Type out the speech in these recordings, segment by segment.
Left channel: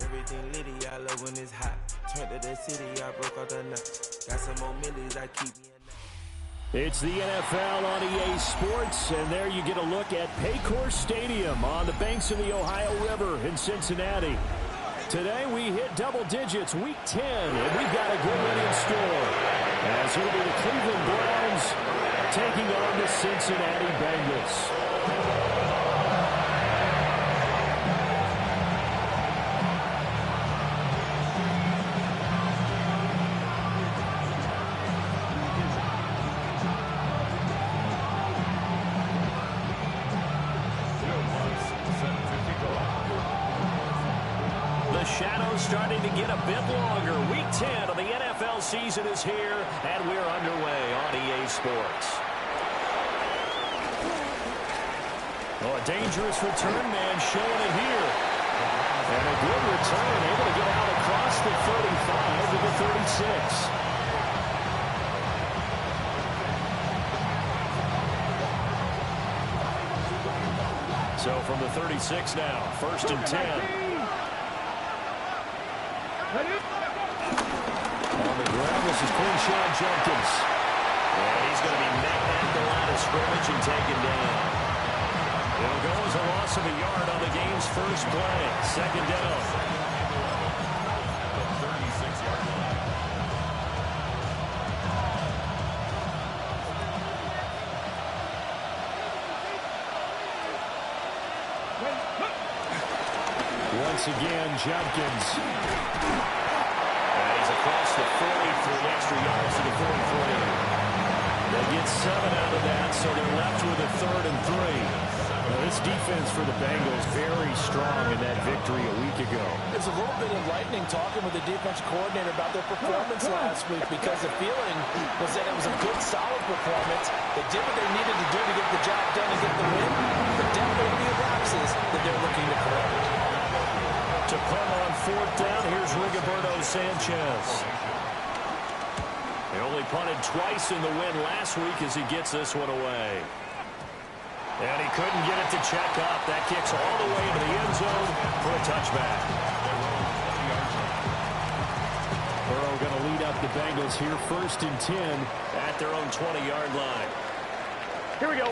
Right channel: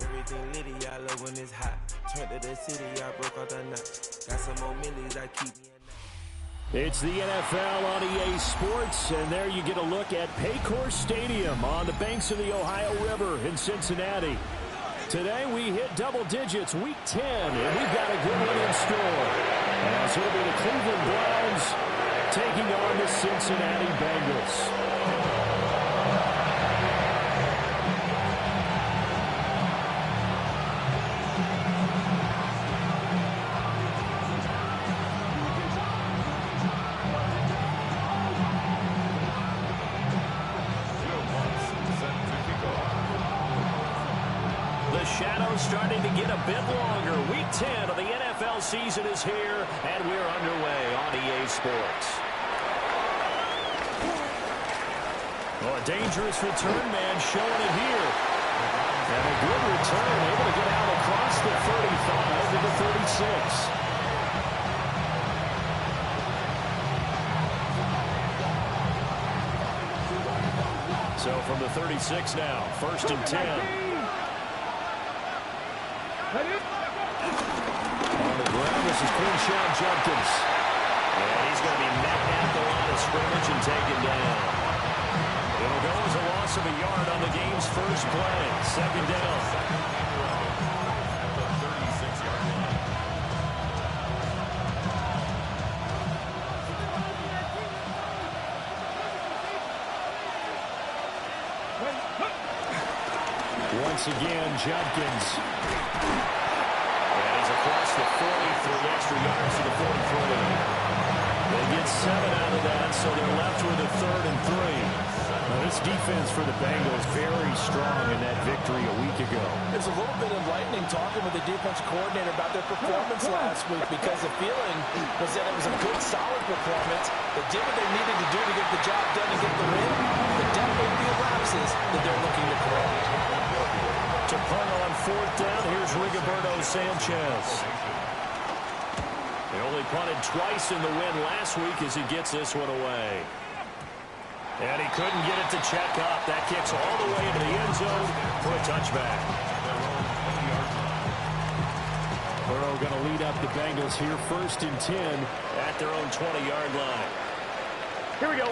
Everything litty, I love when it's hot. Turn to the city, I broke out the nuts. Got some more millies, I keep me a It's the NFL on EA Sports, and there you get a look at Paycor Stadium on the banks of the Ohio River in Cincinnati. Today we hit double digits, Week 10, and we've got a good one in store, as it'll be the Cleveland Browns taking on the Cincinnati Bengals. The shadow's starting to get a bit longer. Week 10 of the NFL season is here, and we're underway on EA Sports. Oh, a dangerous return man showing it here. And a good return, able to get out across the 35 to the 36. So from the 36 now, 1st and 10. On the ground, this is Quinshon Judkins. And he's going to be met at the line of scrimmage and taken down. It'll go as a loss of a yard on the game's first play. 2nd down. At the 36-yard line. Once again, Judkins. And he's across the 40, 3 extra yards to the 43. They get 7 out of that, so they're left with a 3rd and 3. Now, this defense for the Bengals very strong in that victory a week ago. There's a little bit enlightening talking with the defense coordinator about their performance last week, because the feeling was that it was a good, solid performance. They did what they needed to do to get the job done and get the win, but definitely the lapses that they're looking to correct. To punt on 4th down, here's Rigoberto Sanchez. They only punted twice in the win last week as he gets this one away. And he couldn't get it to check up. That kicks all the way into the end zone for a touchback. Burrow going to lead up the Bengals here, 1st and 10 at their own 20-yard line. Here we go.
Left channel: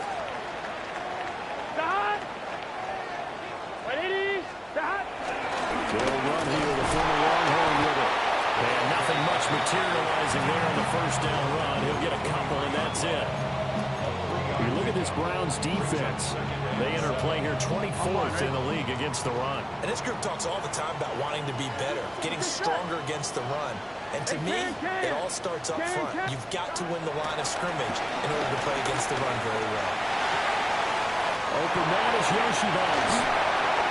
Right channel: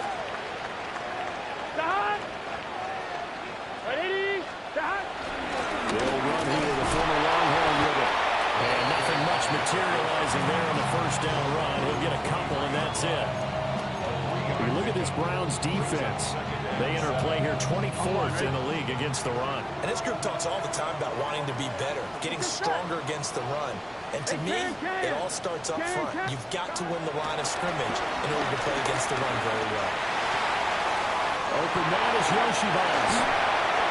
Stop! 180. Stop! They'll run here, the former Longhorn with it. And nothing much materializing there on the 1st down run. He'll get a couple, and that's it. You look at this Browns defense. They enter play here 24th in the league against the run. And this group talks all the time about wanting to be better, getting stronger against the run. And to me, it all starts up front. You've got to win the line of scrimmage in order to play against the run very well. Open man is Yoshibaz.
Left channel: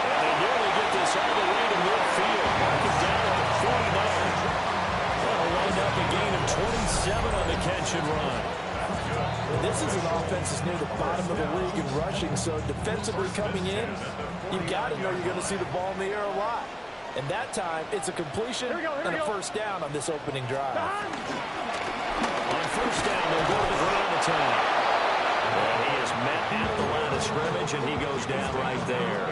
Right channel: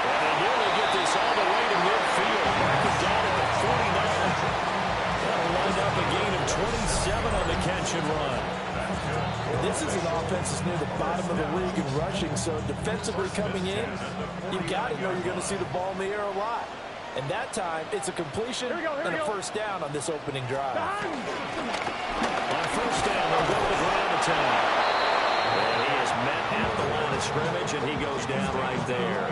And they nearly get this all the way to midfield. Mark it down at the 49. That'll wind up a gain of 27 on the catch and run. This is an offense that's near the bottom of the league in rushing, so defensively coming in, you've got to know you're going to see the ball in the air a lot. And that time, it's a completion and a 1st down on this opening drive. On 1st down, they'll go to the ground attack. And he is met at the line of scrimmage, and he goes down right there.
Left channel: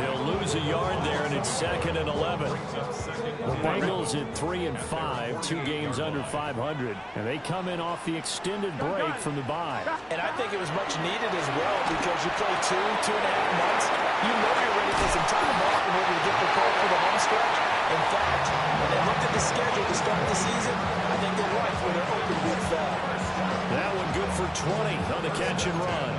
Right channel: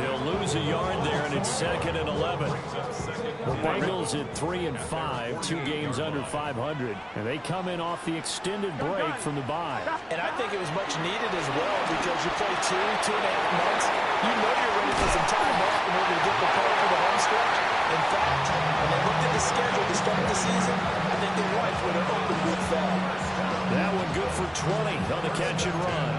He'll lose a yard there, and it's 2nd and 11. The Bengals at 3 and 5, 2 games under 500, and they come in off the extended break from the bye. And I think it was much needed as well, because you play 2.5 months. You know you're ready for some time off in order to get prepared for the home stretch. In fact, when they looked at the schedule to start the season, I think they liked where their open week fell. That one good for 20 on the catch and run.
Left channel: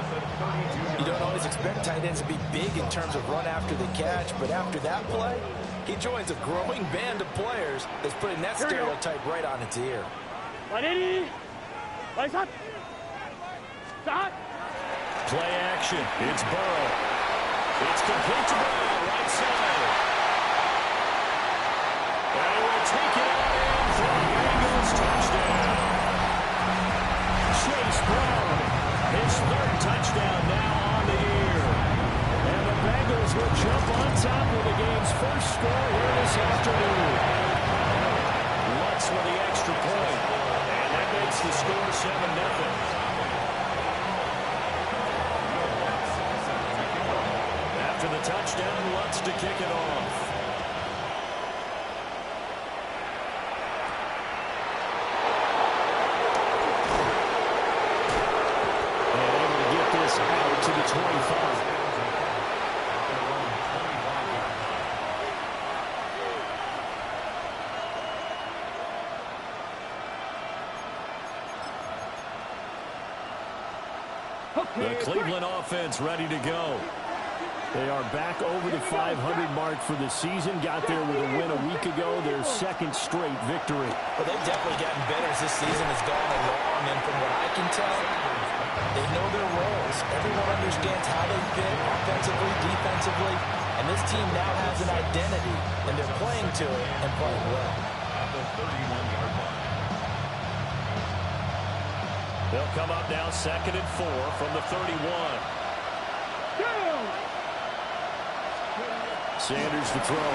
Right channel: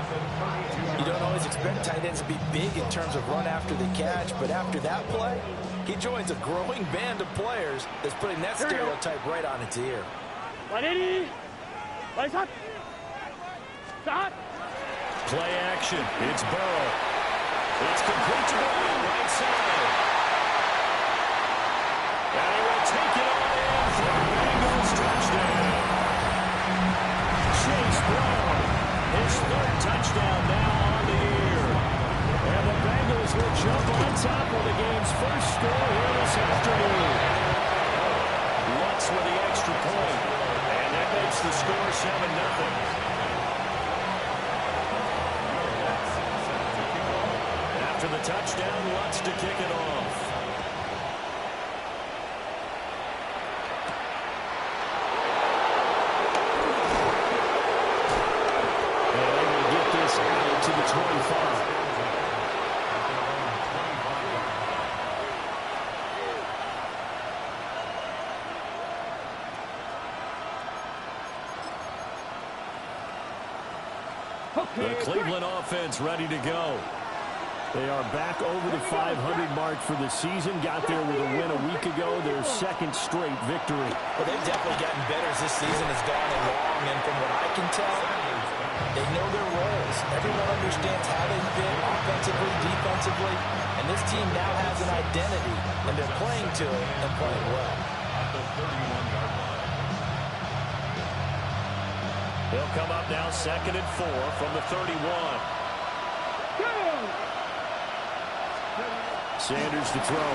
You don't always expect tight ends to be big in terms of run after the catch, but after that play, he joins a growing band of players that's putting that stereotype right on its ear. 180. Lights up. Stop. Play action. It's Burrow. It's complete to Brown, right side. And he will take it on in for a Bengals touchdown. Chase Brown, his 3rd touchdown now on the year. And the Bengals will jump on top with the game's first score here this afternoon. Lutz with the extra point, and that makes the score 7-0. After the touchdown, Lutz to kick it off. And able to get this out to the 25. The Cleveland offense ready to go. They are back over the 500 mark for the season. Got there with a win a week ago, their second straight victory. Well, they've definitely gotten better as this season has gone along, and from what I can tell, they know their roles. Everyone understands how they fit offensively, defensively, and this team now has an identity, and they're playing to it and playing well. At the 31-yard line. They'll come up now 2nd and 4 from the 31. Sanders to throw.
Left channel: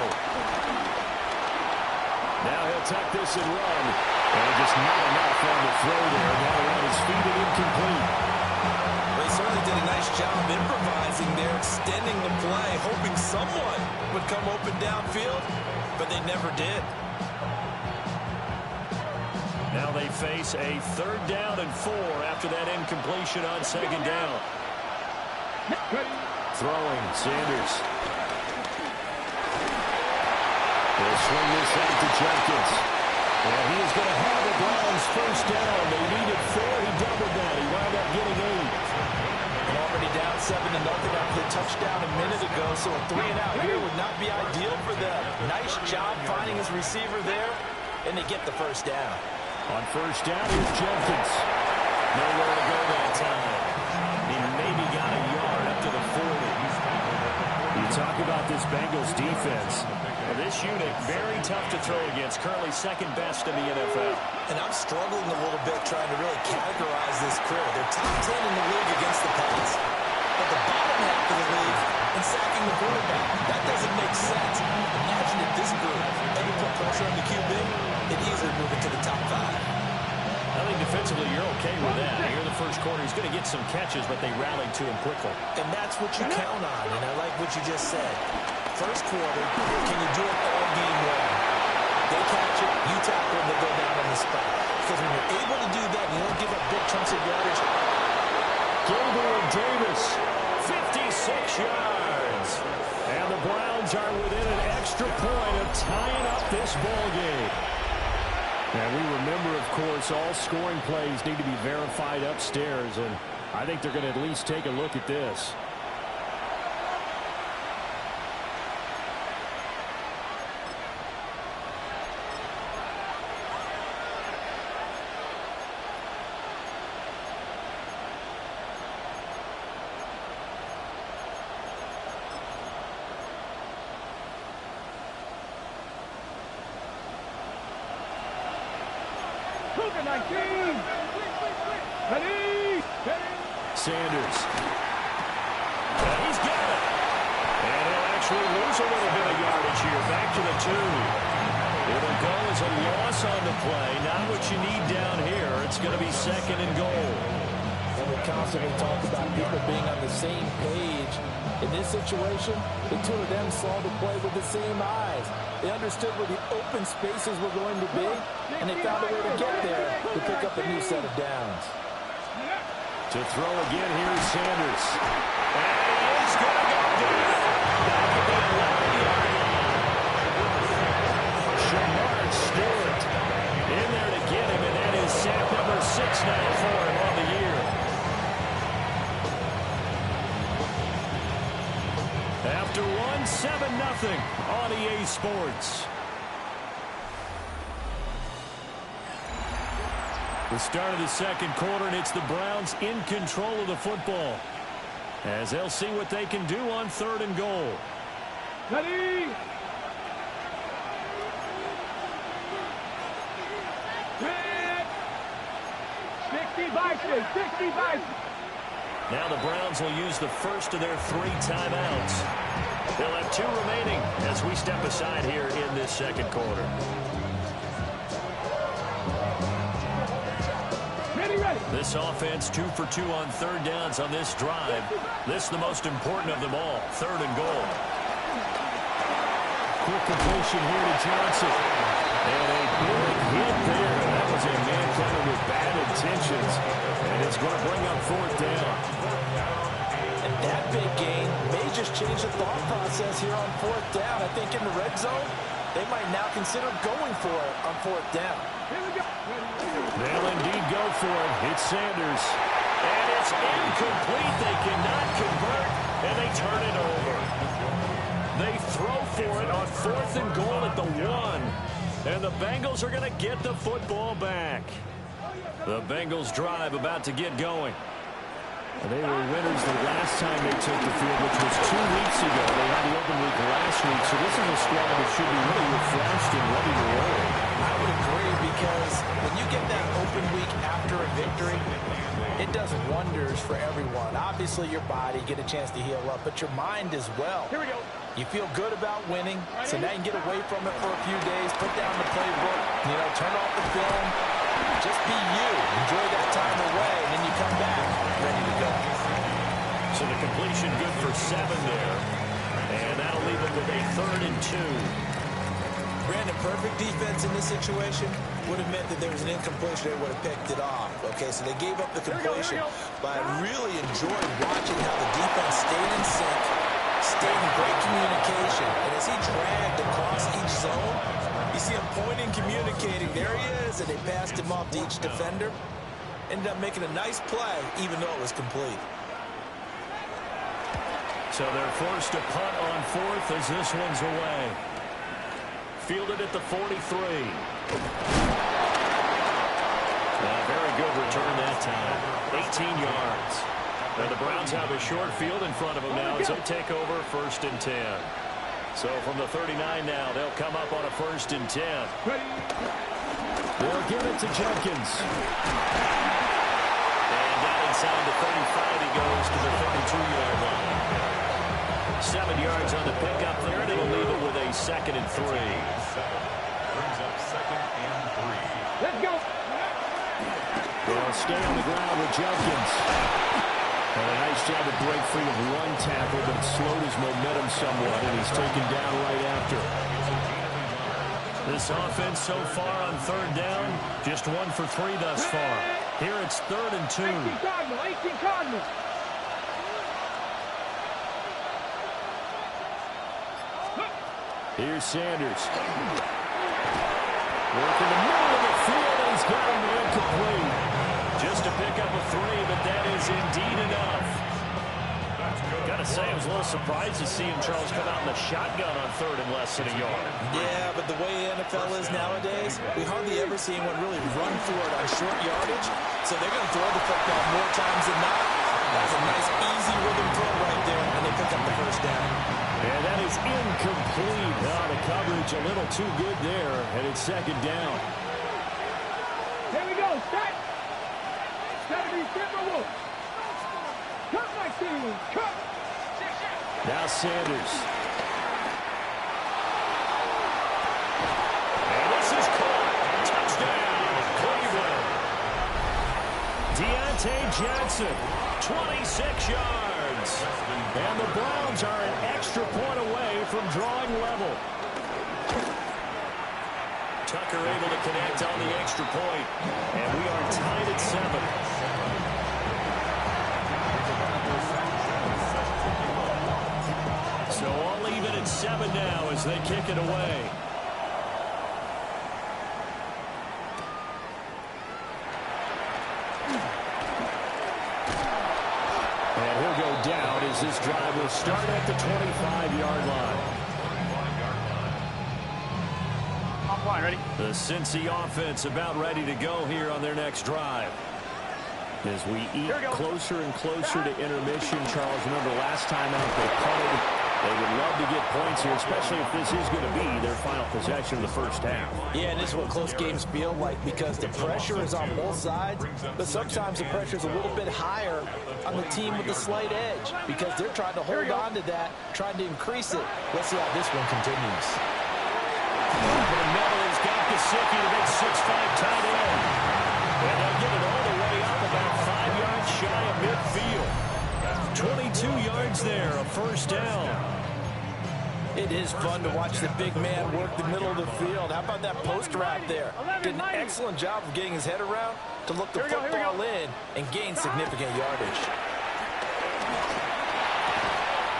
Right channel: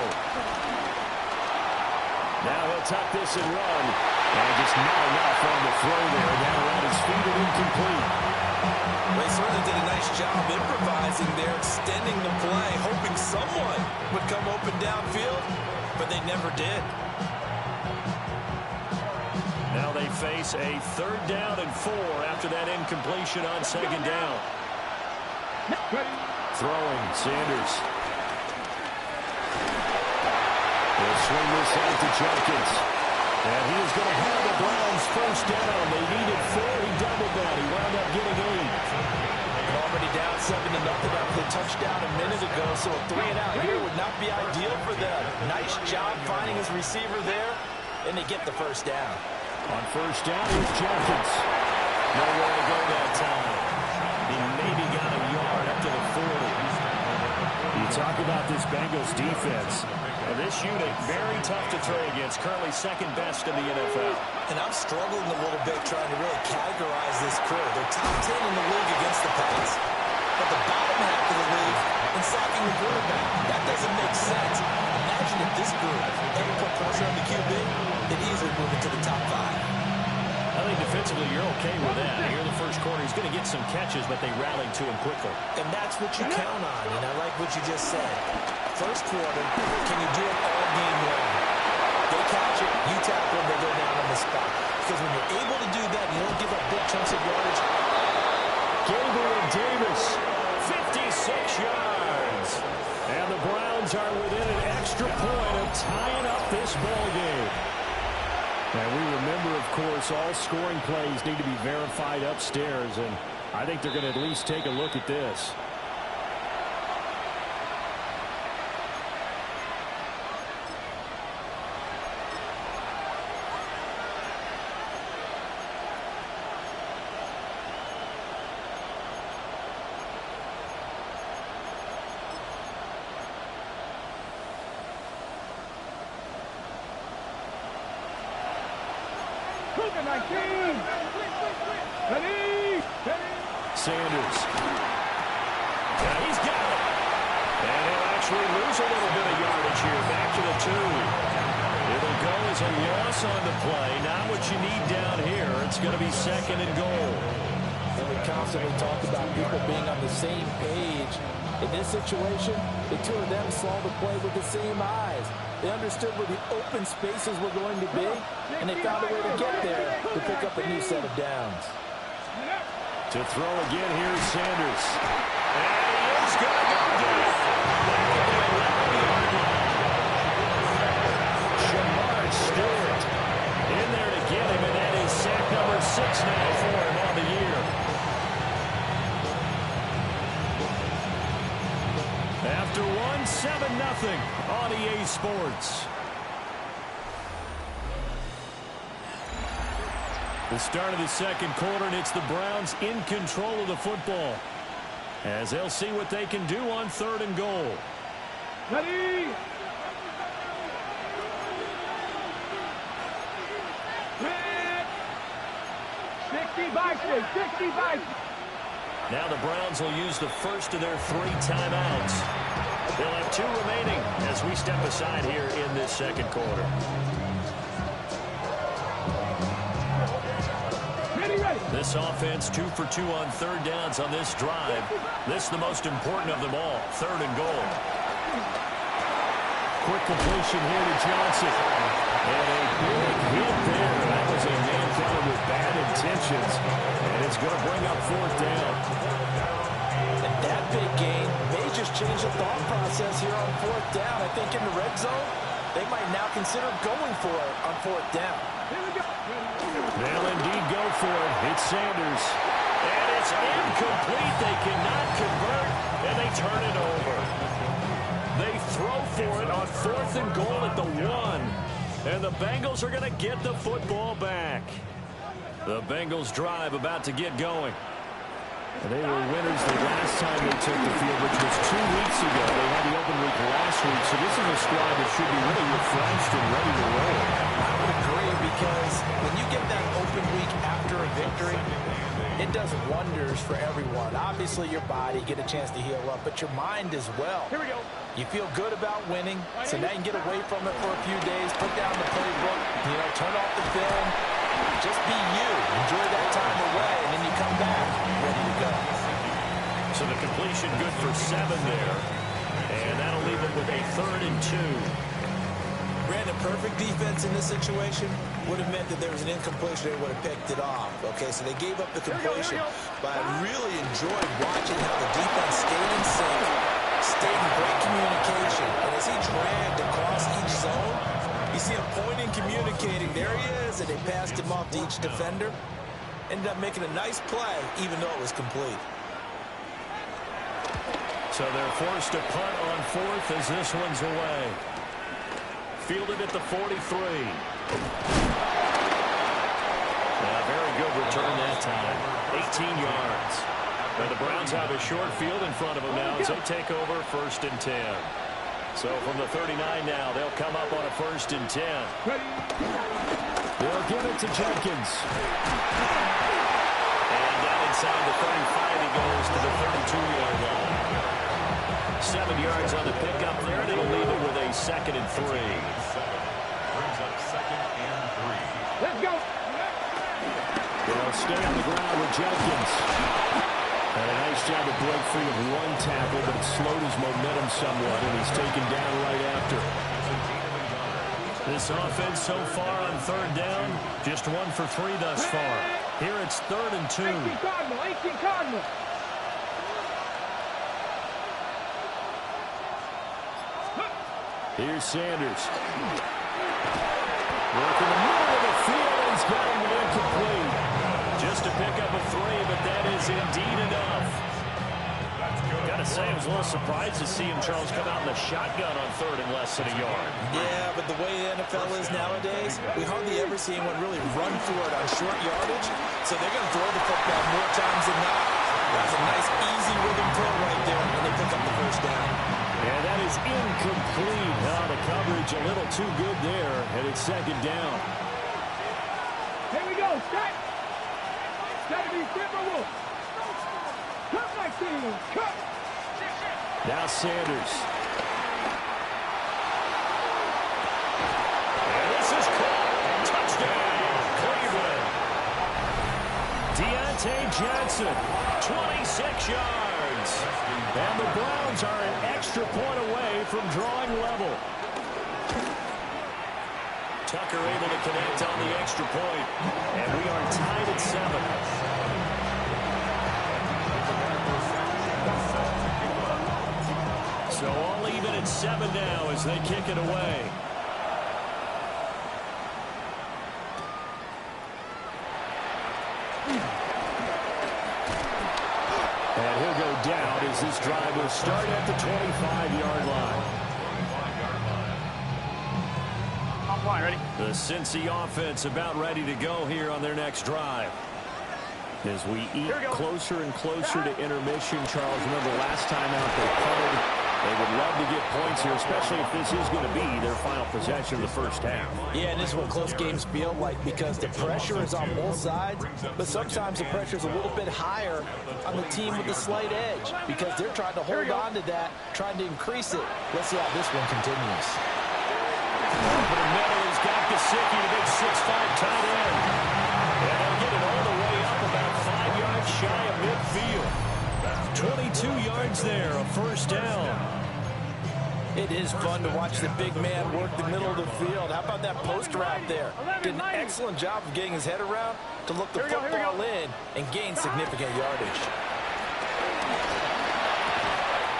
Now he'll tuck this and run. And just not enough on the throw there. Down around his feet and incomplete. Well, he certainly did a nice job improvising there, extending the play, hoping someone would come open downfield, but they never did. Now they face a 3rd down and 4 after that incompletion on 2nd down. Throwing, Sanders. They'll swing this out to Jenkins. And he is going to have the Browns 1st down. They needed 4. He doubled that. He wound up getting 8. And already down 7-0 after the touchdown a minute ago, so a 3-and-out here would not be ideal for them. Nice job finding his receiver there, and they get the 1st down. On 1st down, here's Jenkins. Nowhere to go that time. He maybe got a yard up to the 40. You talk about this Bengals defense. Well, this unit, very tough to throw against. Currently 2nd best in the NFL. And I'm struggling a little bit trying to really categorize this crew. They're top 10 in the league against the pass, but the bottom half of the league in sacking the quarterback. That doesn't make sense. Imagine if this group ever put pressure on the QB, they'd easily move into the top 5. I think defensively you're okay with that. Here in the 1st quarter, he's going to get some catches, but they rallied to him quickly. And that's what you count on, and I like what you just said. 1st quarter, can you do it all game long? They catch it, you tackle them, they go down on the spot. Because when you're able to do that, you don't give up big chunks of yardage. Gabriel Davis, 56 yards. And the Browns are within an extra point of tying up this ball game. And we remember, of course, all scoring plays need to be verified upstairs, and I think they're going to at least take a look at this. Sanders. He's got it. And he'll actually lose a little bit of yardage here. Back to the 2. It'll go as a loss on the play. Not what you need down here. It's going to be 2nd and goal. And we constantly talk about people being on the same page. In this situation, the 2 of them saw the play with the same eyes. They understood where the open spaces were going to be, and they found a way to get there to pick up a new set of downs. To throw again, here's Sanders. And he is going to go down. Back at the 11-yard line. Shamar Stewart in there to get him, and that is sack number 6 now for him on the year. After one, 7-0 on EA Sports. The start of the 2nd quarter, and it's the Browns in control of the football, as they'll see what they can do on 3rd and goal. Ready? Quick! 60-60. Now the Browns will use the first of their 3 timeouts. They'll have 2 remaining as we step aside here in this 2nd quarter. This offense 2 for 2 on third downs on this drive. This is the most important of them all, 3rd and goal. Quick completion here to Johnson. And a big hit there. That was a man coming with bad intentions. And it's going to bring up 4th down. And that big gain may just change the thought process here on 4th down. I think in the red zone, they might now consider going for it on 4th down. They'll indeed go for it. It's Sanders. And it's incomplete. They cannot convert, and they turn it over. They throw for it on 4th and goal at the 1. And the Bengals are going to get the football back. The Bengals drive about to get going. And they were winners the last time they took the field, which was 2 weeks ago. They had the open week last week, so this is a squad that should be really refreshed and ready to roll. I would agree, because when you get that open week after a victory, it does wonders for everyone. Obviously, your body, get a chance to heal up, but your mind as well. Here we go. You feel good about winning, so now you can get away from it for a few days, put down the playbook, turn off the film. Just be you. Enjoy that time away, and then you come back ready to go. So the completion good for 7 there. And that'll leave them with a 3rd and 2. Brandon, perfect defense in this situation would have meant that there was an incompletion. They would have picked it off. Okay, so they gave up the completion. But I really enjoyed watching how the defense stayed in sync, stayed in great communication. And as he dragged across each zone, you see him pointing, communicating. There he is, and they passed him off to each defender. Ended up making a nice play, even though it was complete. So they're forced to punt on 4th as this one's away. Fielded at the 43. Now, very good return that time. 18 yards. And the Browns have a short field in front of them now as they take over 1st and 10. So from the 39 now, they'll come up on a 1st and 10. They'll give it to Jenkins. And down inside the 35, he goes to the 32-yard line. 7 yards on the pickup there, and it'll leave it with a 2nd and 3. Brings up 2nd and 3. Let's go. They'll stay on the ground with Jenkins. And a nice job to break free of 1 tackle, but it slowed his momentum somewhat, and he's taken down right after. This offense so far on 3rd down, just 1 for 3 thus far. Here it's 3rd and 2. 18 Cardinal, 18 Cardinal. Here's Sanders. Working the middle of the field, and he's got him incomplete. Just to pick up a 3, but that is indeed enough. Got to say, I was a little surprised to see him, Charles, come out in the shotgun on 3rd and less than a yard. Yeah, but the way the NFL is nowadays, we hardly ever see anyone really run for it on short yardage. So they're going to throw the football more times than not. That's a nice, easy rhythm throw right there, and they pick up the 1st down. And that is incomplete. The coverage a little too good there, and it's 2nd down. Here we go. Start. Got to be Timberwolves. Cut my team. Cut. Now Sanders. And this is caught. Touchdown, Cleveland. Deontay Johnson, 26 yards. And the Browns are an extra point away from drawing level. Tucker able to connect on the extra point. And we are tied at 7. So all even at 7 now as they kick it away. And he'll go down as this drive will start at the 25-yard line. Offline, ready? The Cincy offense about ready to go here on their next drive. As we eat closer and closer to intermission, Charles, remember last time out they punted. They would love to get points here, especially if this is going to be their final possession of the first half. Yeah, and this is what close games feel like because the pressure is on both sides, but sometimes the pressure is a little bit higher on the team with the slight edge because they're trying to hold on to that, trying to increase it. Let's see how this one continues. Over the middle, he's got Gesicki, the big 6'5" tight end. And they'll get it all the way up about shy of midfield. 22 yards there, a first down. It is fun to watch the big man work the middle of the field. How about that post route there? Did an excellent job of getting his head around to look the football in and gain significant yardage.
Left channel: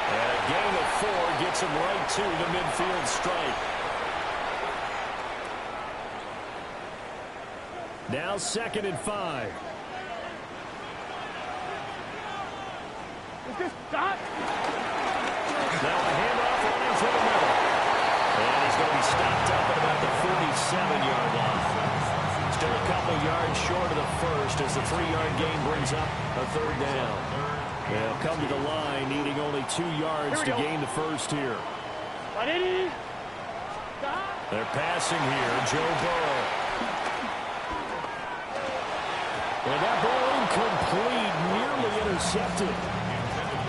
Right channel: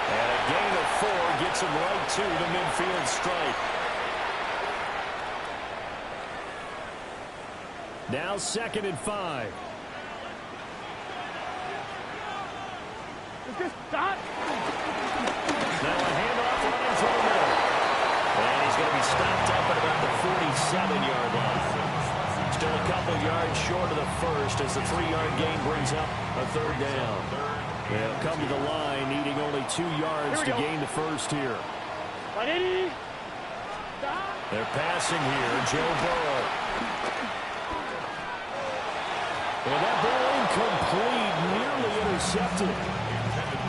And a gain of 4 gets him right to the midfield stripe. Now 2nd and 5. Stop. Now a handoff running through the middle. And he's going to be stopped up at about the 47-yard line. Still a couple yards short of the first as the 3-yard gain brings up a 3rd down. They'll come to the line needing only 2 yards to gain the first here. They're passing here, Joe Burrow. And that ball incomplete, nearly intercepted.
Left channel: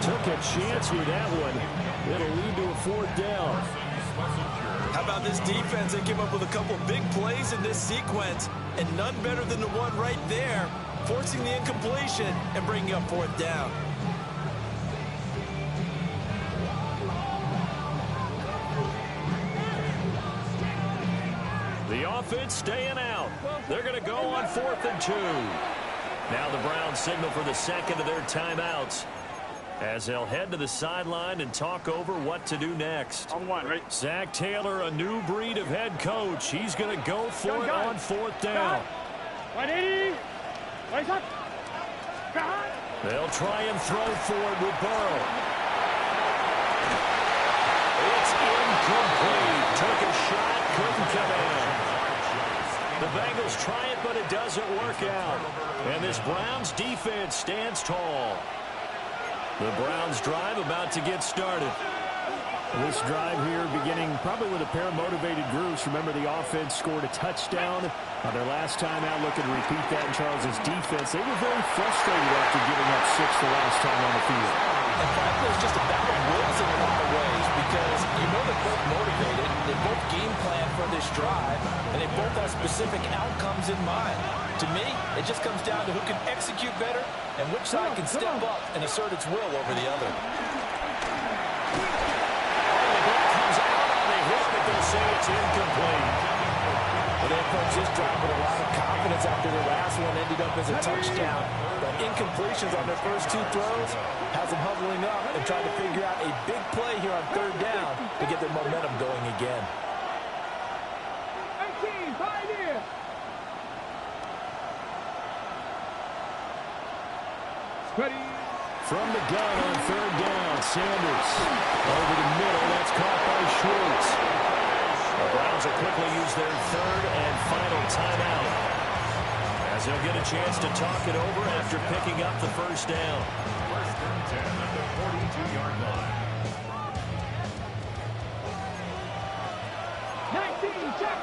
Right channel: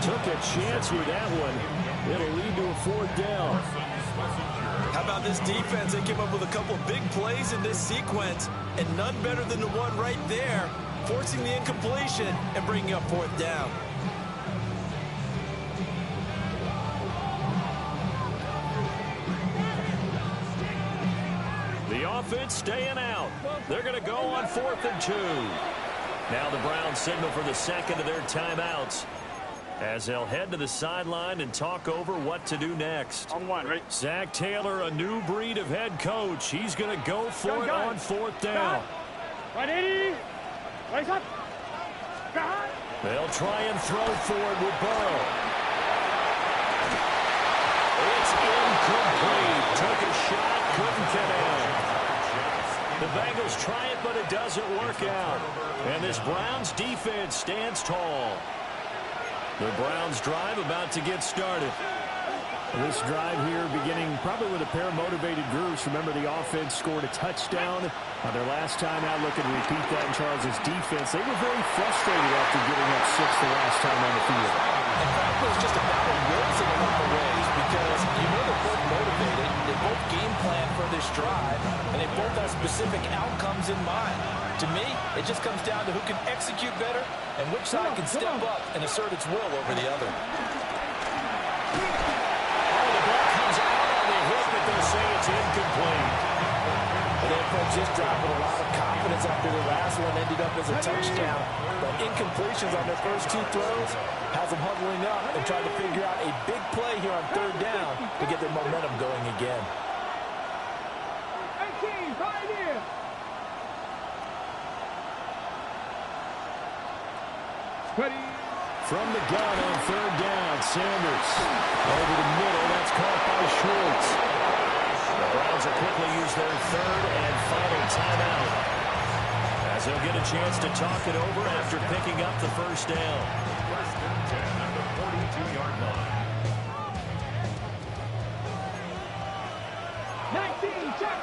Took a chance with that one. It'll lead to a 4th down. How about this defense? They came up with a couple of big plays in this sequence, and none better than the one right there, forcing the incompletion and bringing up 4th down. The offense staying out. They're going to go on 4th and 2. Now the Browns signal for the second of their timeouts, as they'll head to the sideline and talk over what to do next. On 1, right? Zach Taylor, a new breed of head coach. He's going to go for it on 4th down. 180. Raise up. They'll try and throw forward with Burrow. It's incomplete. Took a shot, couldn't connect. The Bengals try it, but it doesn't work out. And this Browns defense stands tall. The Browns drive about to get started. This drive here beginning probably with a pair of motivated groups. Remember, the offense scored a touchdown on their last time out. Looking to repeat that in Charles's defense. They were very frustrated after giving up 6 the last time on the field. In fact, it was just a battle of wills in a lot of ways, because you know they're both motivated, they both game plan for this drive, and they both have specific outcomes in mind. To me, it just comes down to who can execute better and which side can step up and assert its will over the other. Oh, the ball comes out on the hit, but they'll say it's incomplete. But they approached this drive with a lot of confidence after their last one ended up as a touchdown. But incompletions on their first 2 throws has them huddling up and trying to figure out a big play here on 3rd down to get their momentum going again. 18, pioneer. Ready. From the gun on 3rd down, Sanders over the middle. That's caught by Schwartz. The Browns will quickly use their 3rd and final timeout, as they'll get a chance to talk it over after picking up the first down. 1st and 10 at the 42-yard line. 19, check.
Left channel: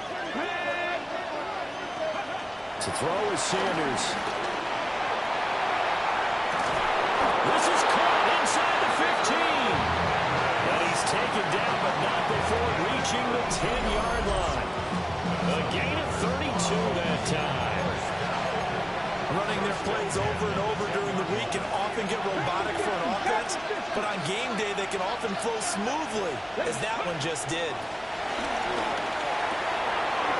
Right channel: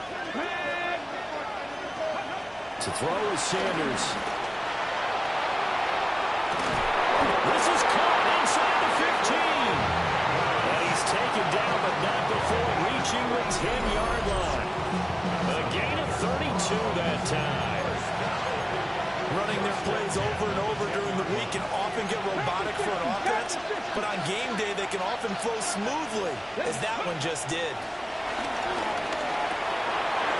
To throw is Sanders. This is caught inside the 15. And he's taken down, but not before reaching the 10-yard line. A gain of 32 that time. Running their plays over and over during the week can often get robotic for an offense, but on game day they can often flow smoothly, as that one just did.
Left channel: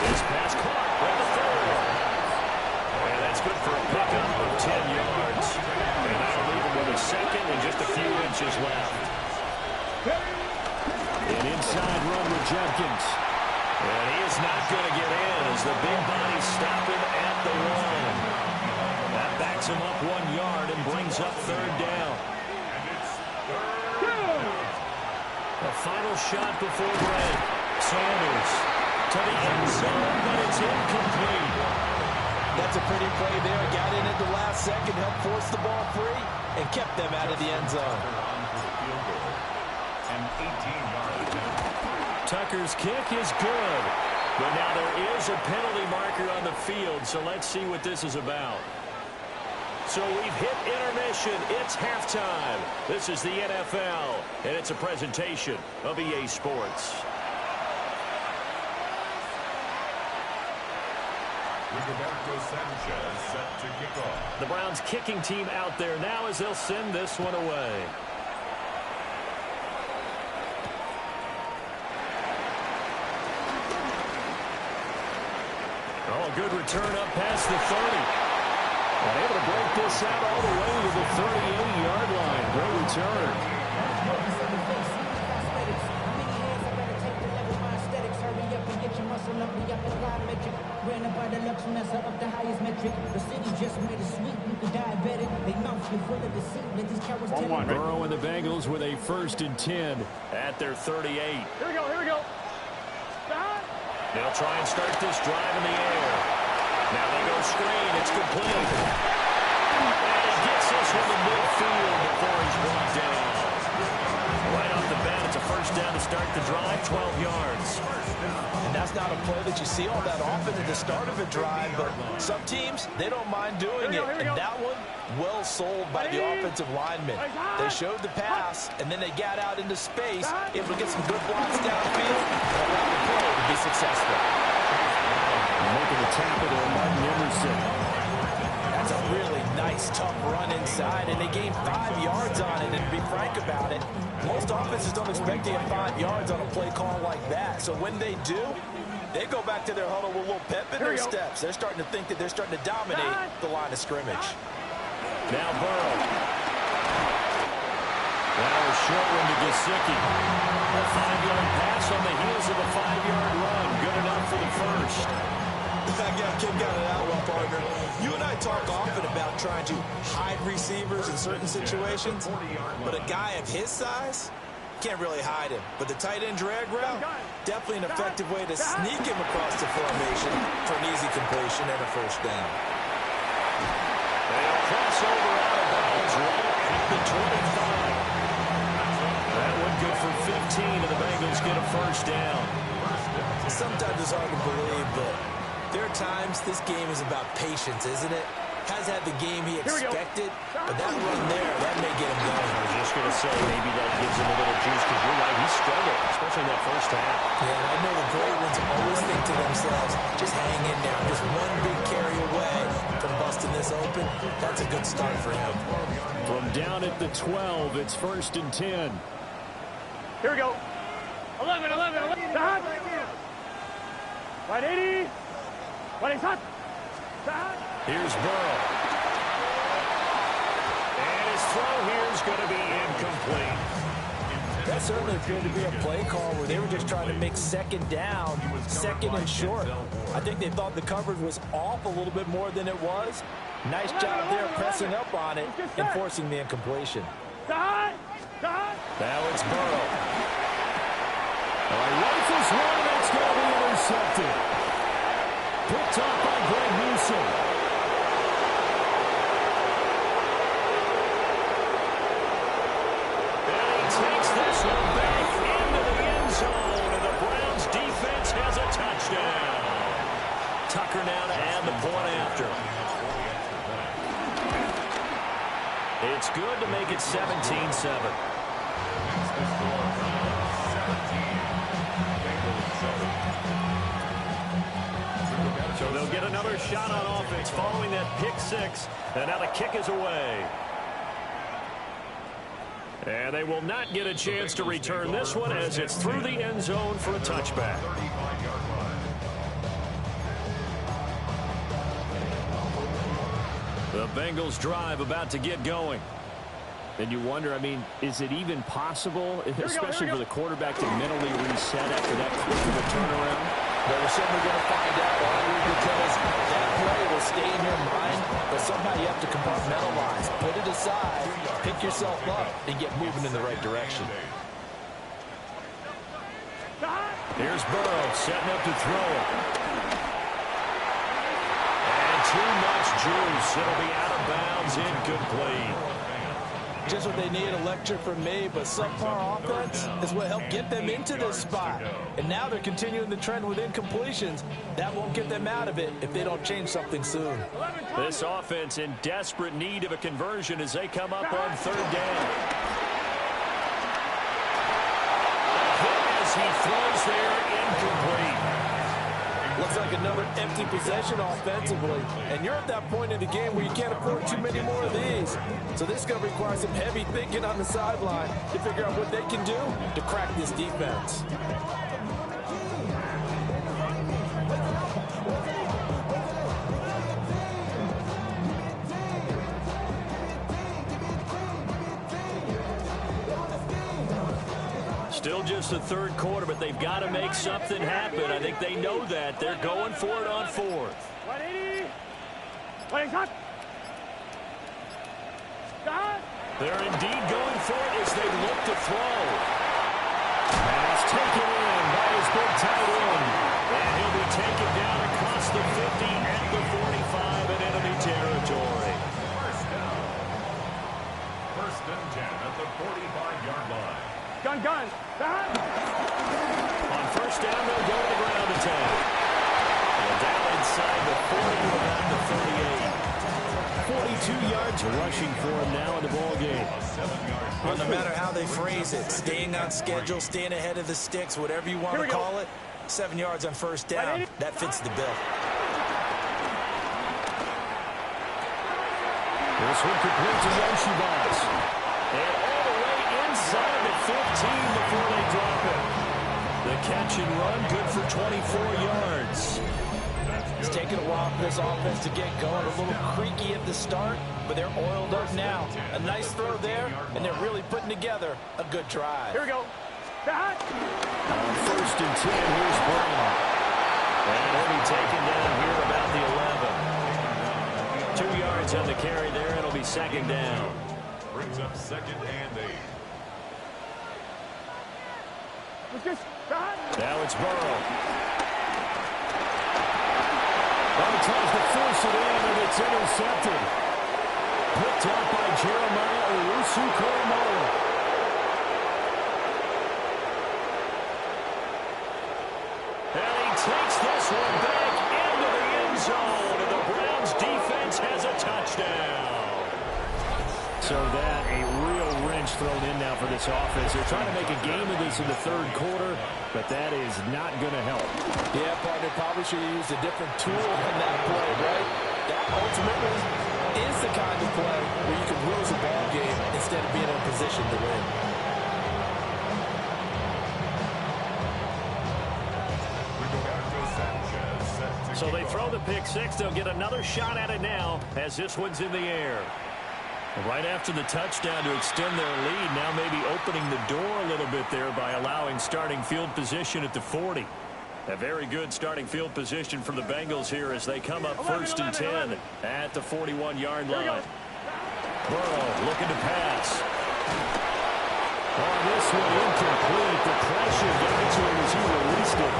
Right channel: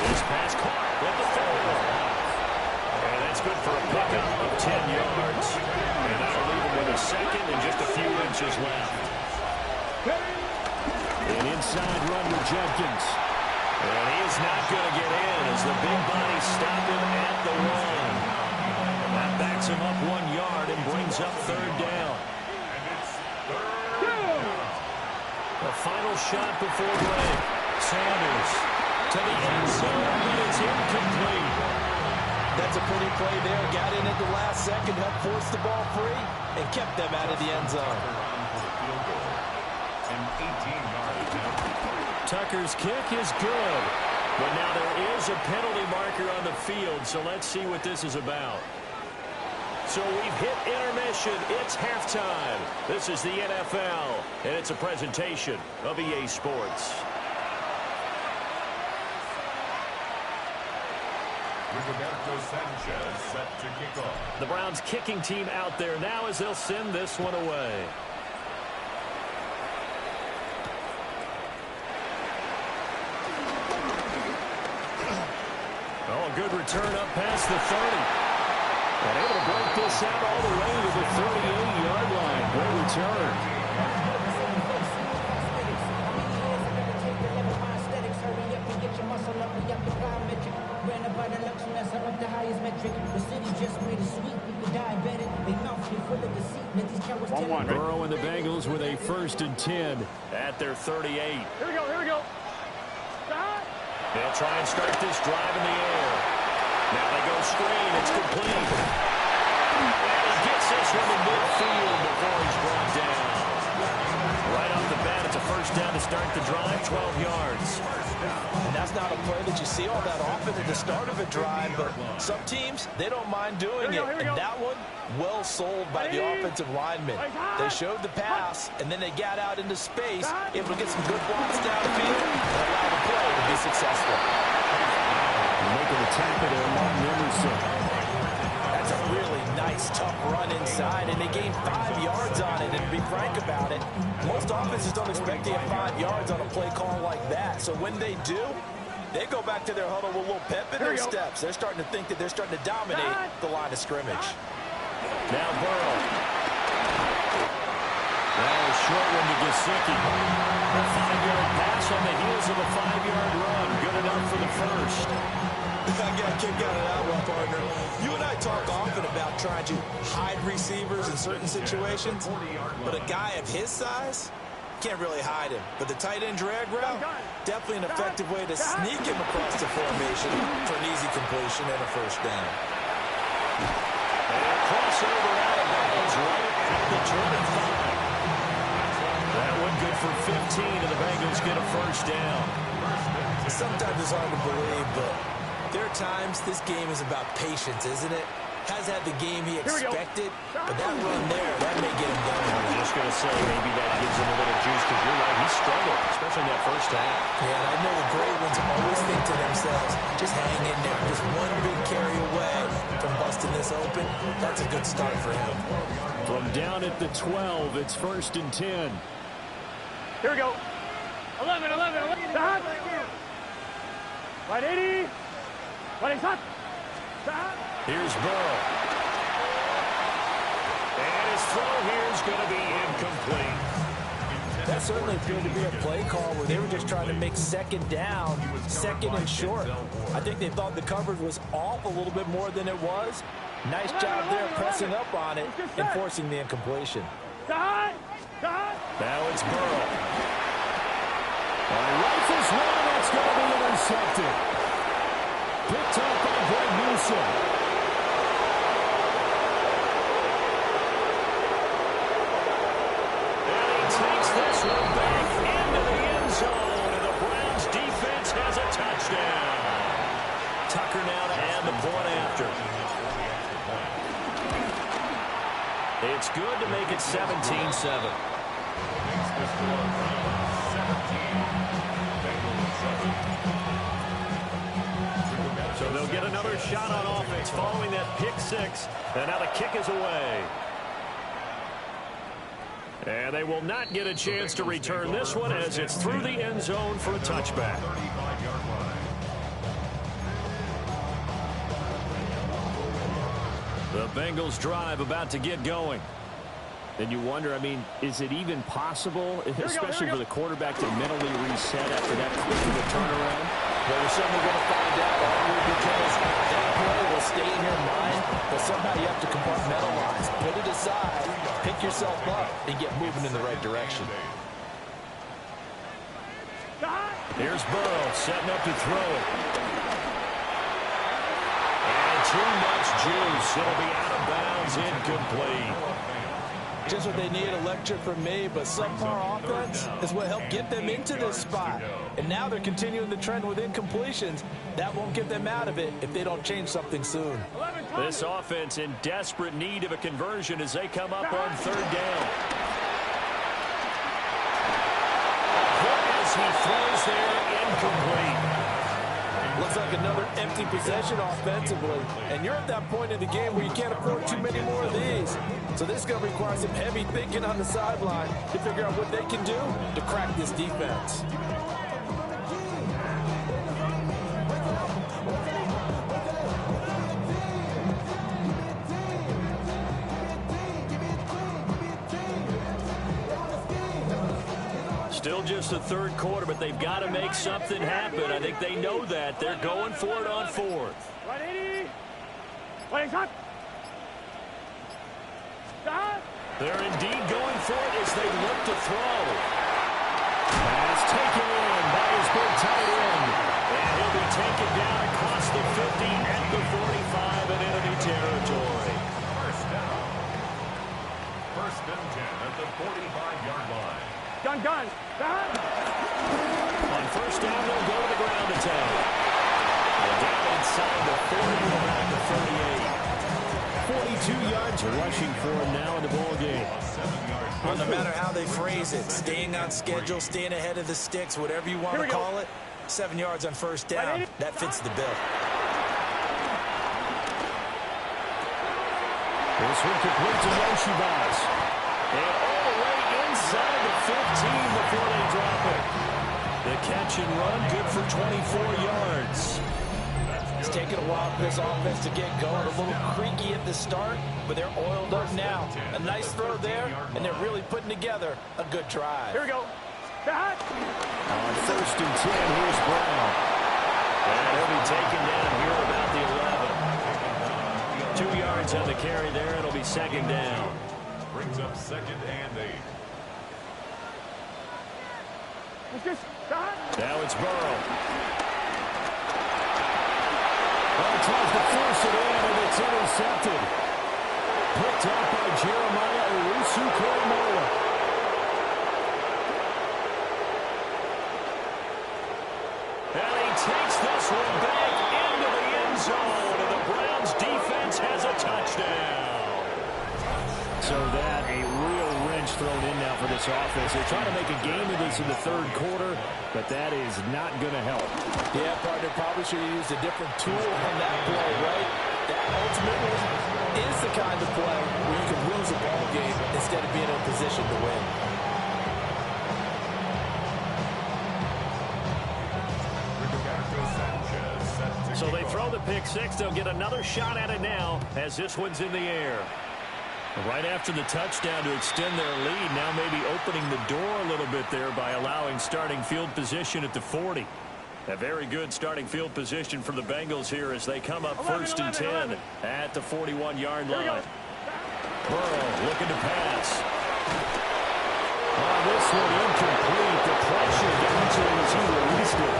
This pass caught at the 4. And that's good for a pickup of 10 yards. And that'll leave him with a second and just a few inches left. An inside run with Jenkins. And he is not going to get in as the big bodies stop him at the 1. That backs him up 1 yard and brings up 3rd down. The final shot before break. Sanders to the end zone, but it's incomplete. That's a pretty play there. Got in at the last second, helped force the ball free, and kept them out of the end zone. An 18-yard attempt. Tucker's kick is good, but now there is a penalty marker on the field, so let's see what this is about. So we've hit intermission. It's halftime. This is the NFL, and it's a presentation of EA Sports. Rigoberto Sanchez set to kick off. The Browns kicking team out there now as they'll send this one away. Oh, a good return up past the 30. And able to break this out all the way to the 38-yard line. Great return. Hurry up and get your muscle up. We up the plyometric. Ran up by the Lux Messer up the highest metric. The city just made it sweet. You could diabetic. They mouth you full of deceit. Let these cowards tell you. Burrow and the Bengals with a 1st and 10 at their 38. Here we go. Here we go. They'll try and start this drive in the air. Now they go screen. It's complete. And he gets this one to midfield before he's brought down. Right off the bat, it's a 1st down to start the drive, 12 yards. And that's not a play that you see all that often at the start of a drive, but some teams, they don't mind doing it. And that one, well sold by the offensive linemen. They showed the pass, and then they got out into space, able to get some good blocks downfield and allow the play to be successful. Making the tackle there, Martin Emerson. That's a really nice, tough run inside, and they gained 5 yards on it. And to be frank about it, most offenses don't expect to get 5 yards on a play call like that. So when they do, they go back to their huddle with a little pep in their steps. They're starting to think that they're starting to dominate the line of scrimmage. Now Burrow. Now a short one to Gesicki. A 5-yard pass on the heels of a 5-yard run. Good enough for the 1st. I got a kick out of that one, partner. You and I talk often about trying to hide receivers in certain situations, but a guy of his size can't really hide him. But the tight end drag route, definitely an effective way to sneak him across the formation for an easy completion and a 1st down. They'll cross over out of bounds right at the 25. That one good for 15, and the Bengals get a 1st down. Sometimes it's hard to believe, but there are times this game is about patience, isn't it? Has had the game he expected, but that run there, that may get him going. I was just going to say, maybe that gives him a little juice, because you're right, he struggled, especially in that 1st half. Yeah, and I know the great ones always think to themselves, just hang in there. Just one big carry away from busting this open. That's a good start for him. From down at the 12, it's 1st and 10. Here we go. 11. Stop. Right 80. Right hot. Here's Burrow. And his throw here is going to be incomplete. That certainly appeared to be a play call where they were just trying to make 2nd down, 2nd and short. I think they thought the coverage was off a little bit more than it was. Nice job there pressing up on it and forcing the incompletion. Now it's Burrow. Oh, he rifles one, that's going to be intercepted. Picked off by Greg Newsom. And he takes this one back into the end zone, and the Browns defense has a touchdown. Tucker now to add the point after. It's good to make it 17-7. Makes the score Browns 17, Bengals 7. So they'll get another shot on offense following that pick 6, and now the kick is away. And they will not get a chance to return this one as it's through the end zone for a touchback. 35-yard line. The Bengals drive about to get going. And you wonder, I mean, is it even possible, especially for the quarterback, to mentally reset after that quick of a turnaround? Well, we're certainly going to find out, because that play will stay in your mind, but somehow you have to compartmentalize, put it aside, pick yourself up, and get moving in the right direction. Here's Burrow setting up to throw it. And too much juice. It'll be out of bounds, incomplete. Just what they need, a lecture from me, but subpar offense is what helped get them into this spot. And now they're continuing the trend with incompletions. That won't get them out of it if they don't change something soon. This offense in desperate need of a conversion as they come up on 3rd down. A hit as he throws there, incomplete. Looks like another empty possession offensively. And you're at that point in the game where you can't afford too many more of these. So this is going to require some heavy thinking on the sideline to figure out what they can do to crack this defense. Still just the third quarter, but they've got to make something happen. I think they know that. They're going for it on fourth. 180. Playing shot. Shot. They're indeed going for it as they look to throw. Pass taken in by his big tight end. And he'll be taken down across the 50 at the 45 in enemy territory. First down. First and 10 at the 45-yard line. Gun. Shot. On first down, they'll go to the ground attack. Well, down inside the 40 to about the 38. 42 yards rushing for him now in the ball game. Well, no matter how they phrase it, staying on schedule, staying ahead of the sticks, whatever you want to call it, 7 yards on first down, that fits the bill. This one complete to Yoshibas. And all the way inside the 15 before they drop it. The catch and run, good for 24 yards. It's taken a while for this offense to get going. A little creaky at the start, but they're oiled up now. A nice throw there, and they're really putting together a good drive. Here we go. Shot. On first and 10, here's Brown. And he'll be taken down here about the 11. 2 yards on the carry there. It'll be second down. Brings up second and 8. Let's get shot. Now it's Burrow. Oh, tries to force it in, and it's intercepted. Picked up by Jeremiah Owusu-Koramoah. And he takes this one back into the end zone, and the Browns defense has a touchdown. So that a real wrench thrown in now for this offense. They're trying to make a game of this in the third quarter, but that is not going to help. Yeah, partner, probably should have used a different tool on that play, right? That ultimately is the kind of play where you can lose a ball game instead of being in a position to win. So they throw the pick six. They'll get another shot at it now as this one's in the air. Right after the touchdown to extend their lead, now maybe opening the door a little bit there by allowing starting field position at the 40. A very good starting field position for the Bengals here as they come up first and 10 at the 41-yard line. Burrow looking to pass. On this one, incomplete. The pressure got to him as he released it.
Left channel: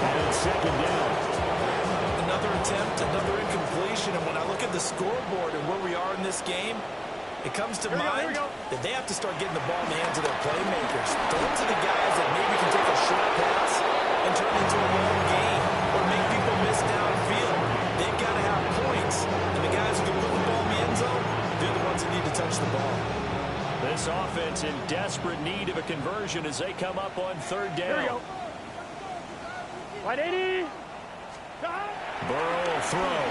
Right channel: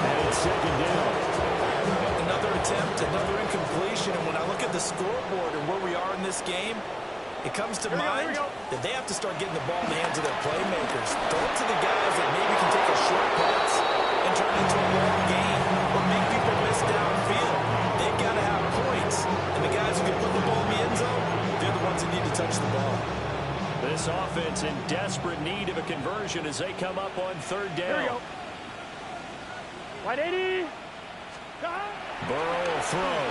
And it's second down. Another attempt, another incompletion. And when I look at the scoreboard and where we are in this game, it comes to mind that they have to start getting the ball in the hands of their playmakers. Throw it to the guys that maybe can take a short pass and turn it into a long gain or make people miss downfield. They've got to have points. And the guys who can put the ball in the end zone, they're the ones that need to touch the ball. This offense in desperate need of a conversion as they come up on third down. Here we go. 180. Burrow will throw.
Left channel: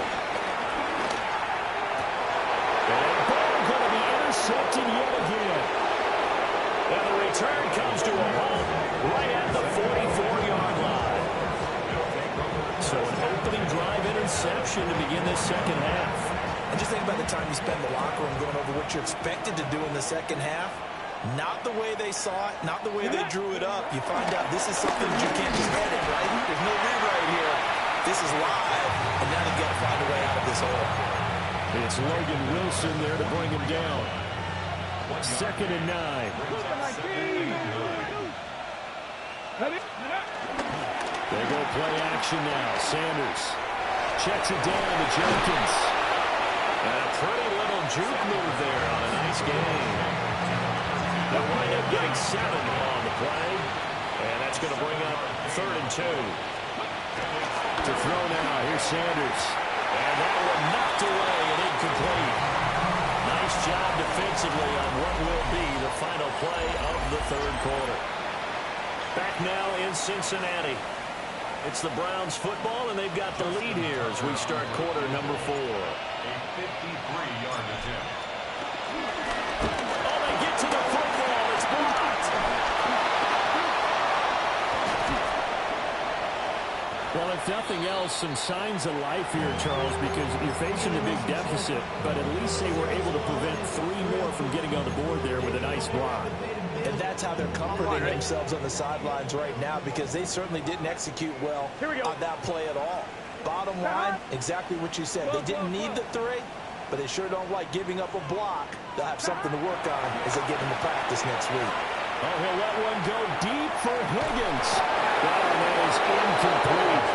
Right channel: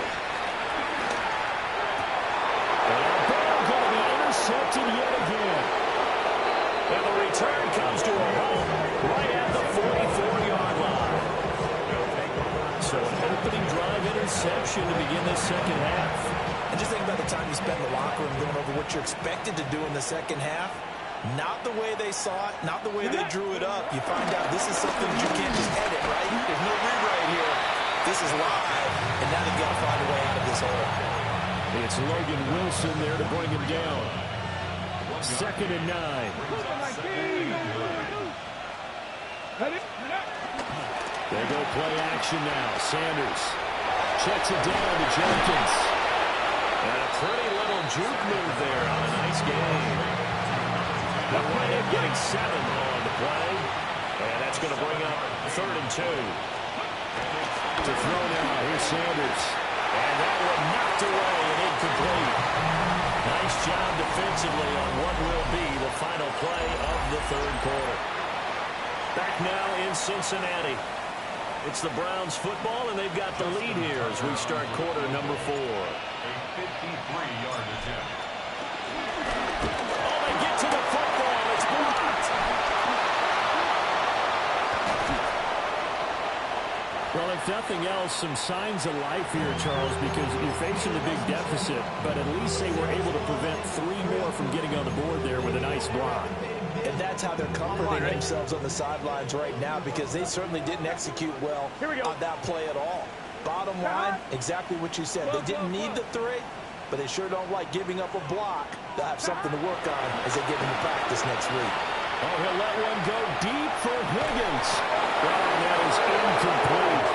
And Burrow going to be intercepted yet again. And the return comes to a halt right at the 44-yard line. So an opening drive interception to begin this second half. And just think about the time you spend in the locker room going over what you're expected to do in the second half. Not the way they saw it, not the way they drew it up. You find out this is something that you can't just edit, right? There's no rewrite here. This is live, and now they've got to find a way out of this hole. It's Logan Wilson there to bring him down. Second and 9. They go play action now. Sanders checks it down to Jenkins. And a pretty little juke move there on a nice game. They'll wind up getting 7 on the play. And that's going to bring up third and 2. To throw now, here's Sanders. And that one knocked away and incomplete. Nice job defensively on what will be the final play of the third quarter. Back now in Cincinnati. It's the Browns football, and they've got the lead here as we start quarter number 4. A 53-yard attempt. Oh, they get to the football. It's blocked. Well, if nothing else, some signs of life here, Charles, because you're facing a big deficit, but at least they were able to prevent 3 more from getting on the board there with a nice block. And that's how they're comforting themselves on the sidelines right now, because they certainly didn't execute well on that play at all. Bottom line, exactly what you said. They didn't need the 3, but they sure don't like giving up a block. They'll have something to work on as they get into practice next week. Oh, he'll let one go deep for Higgins. And that is incomplete.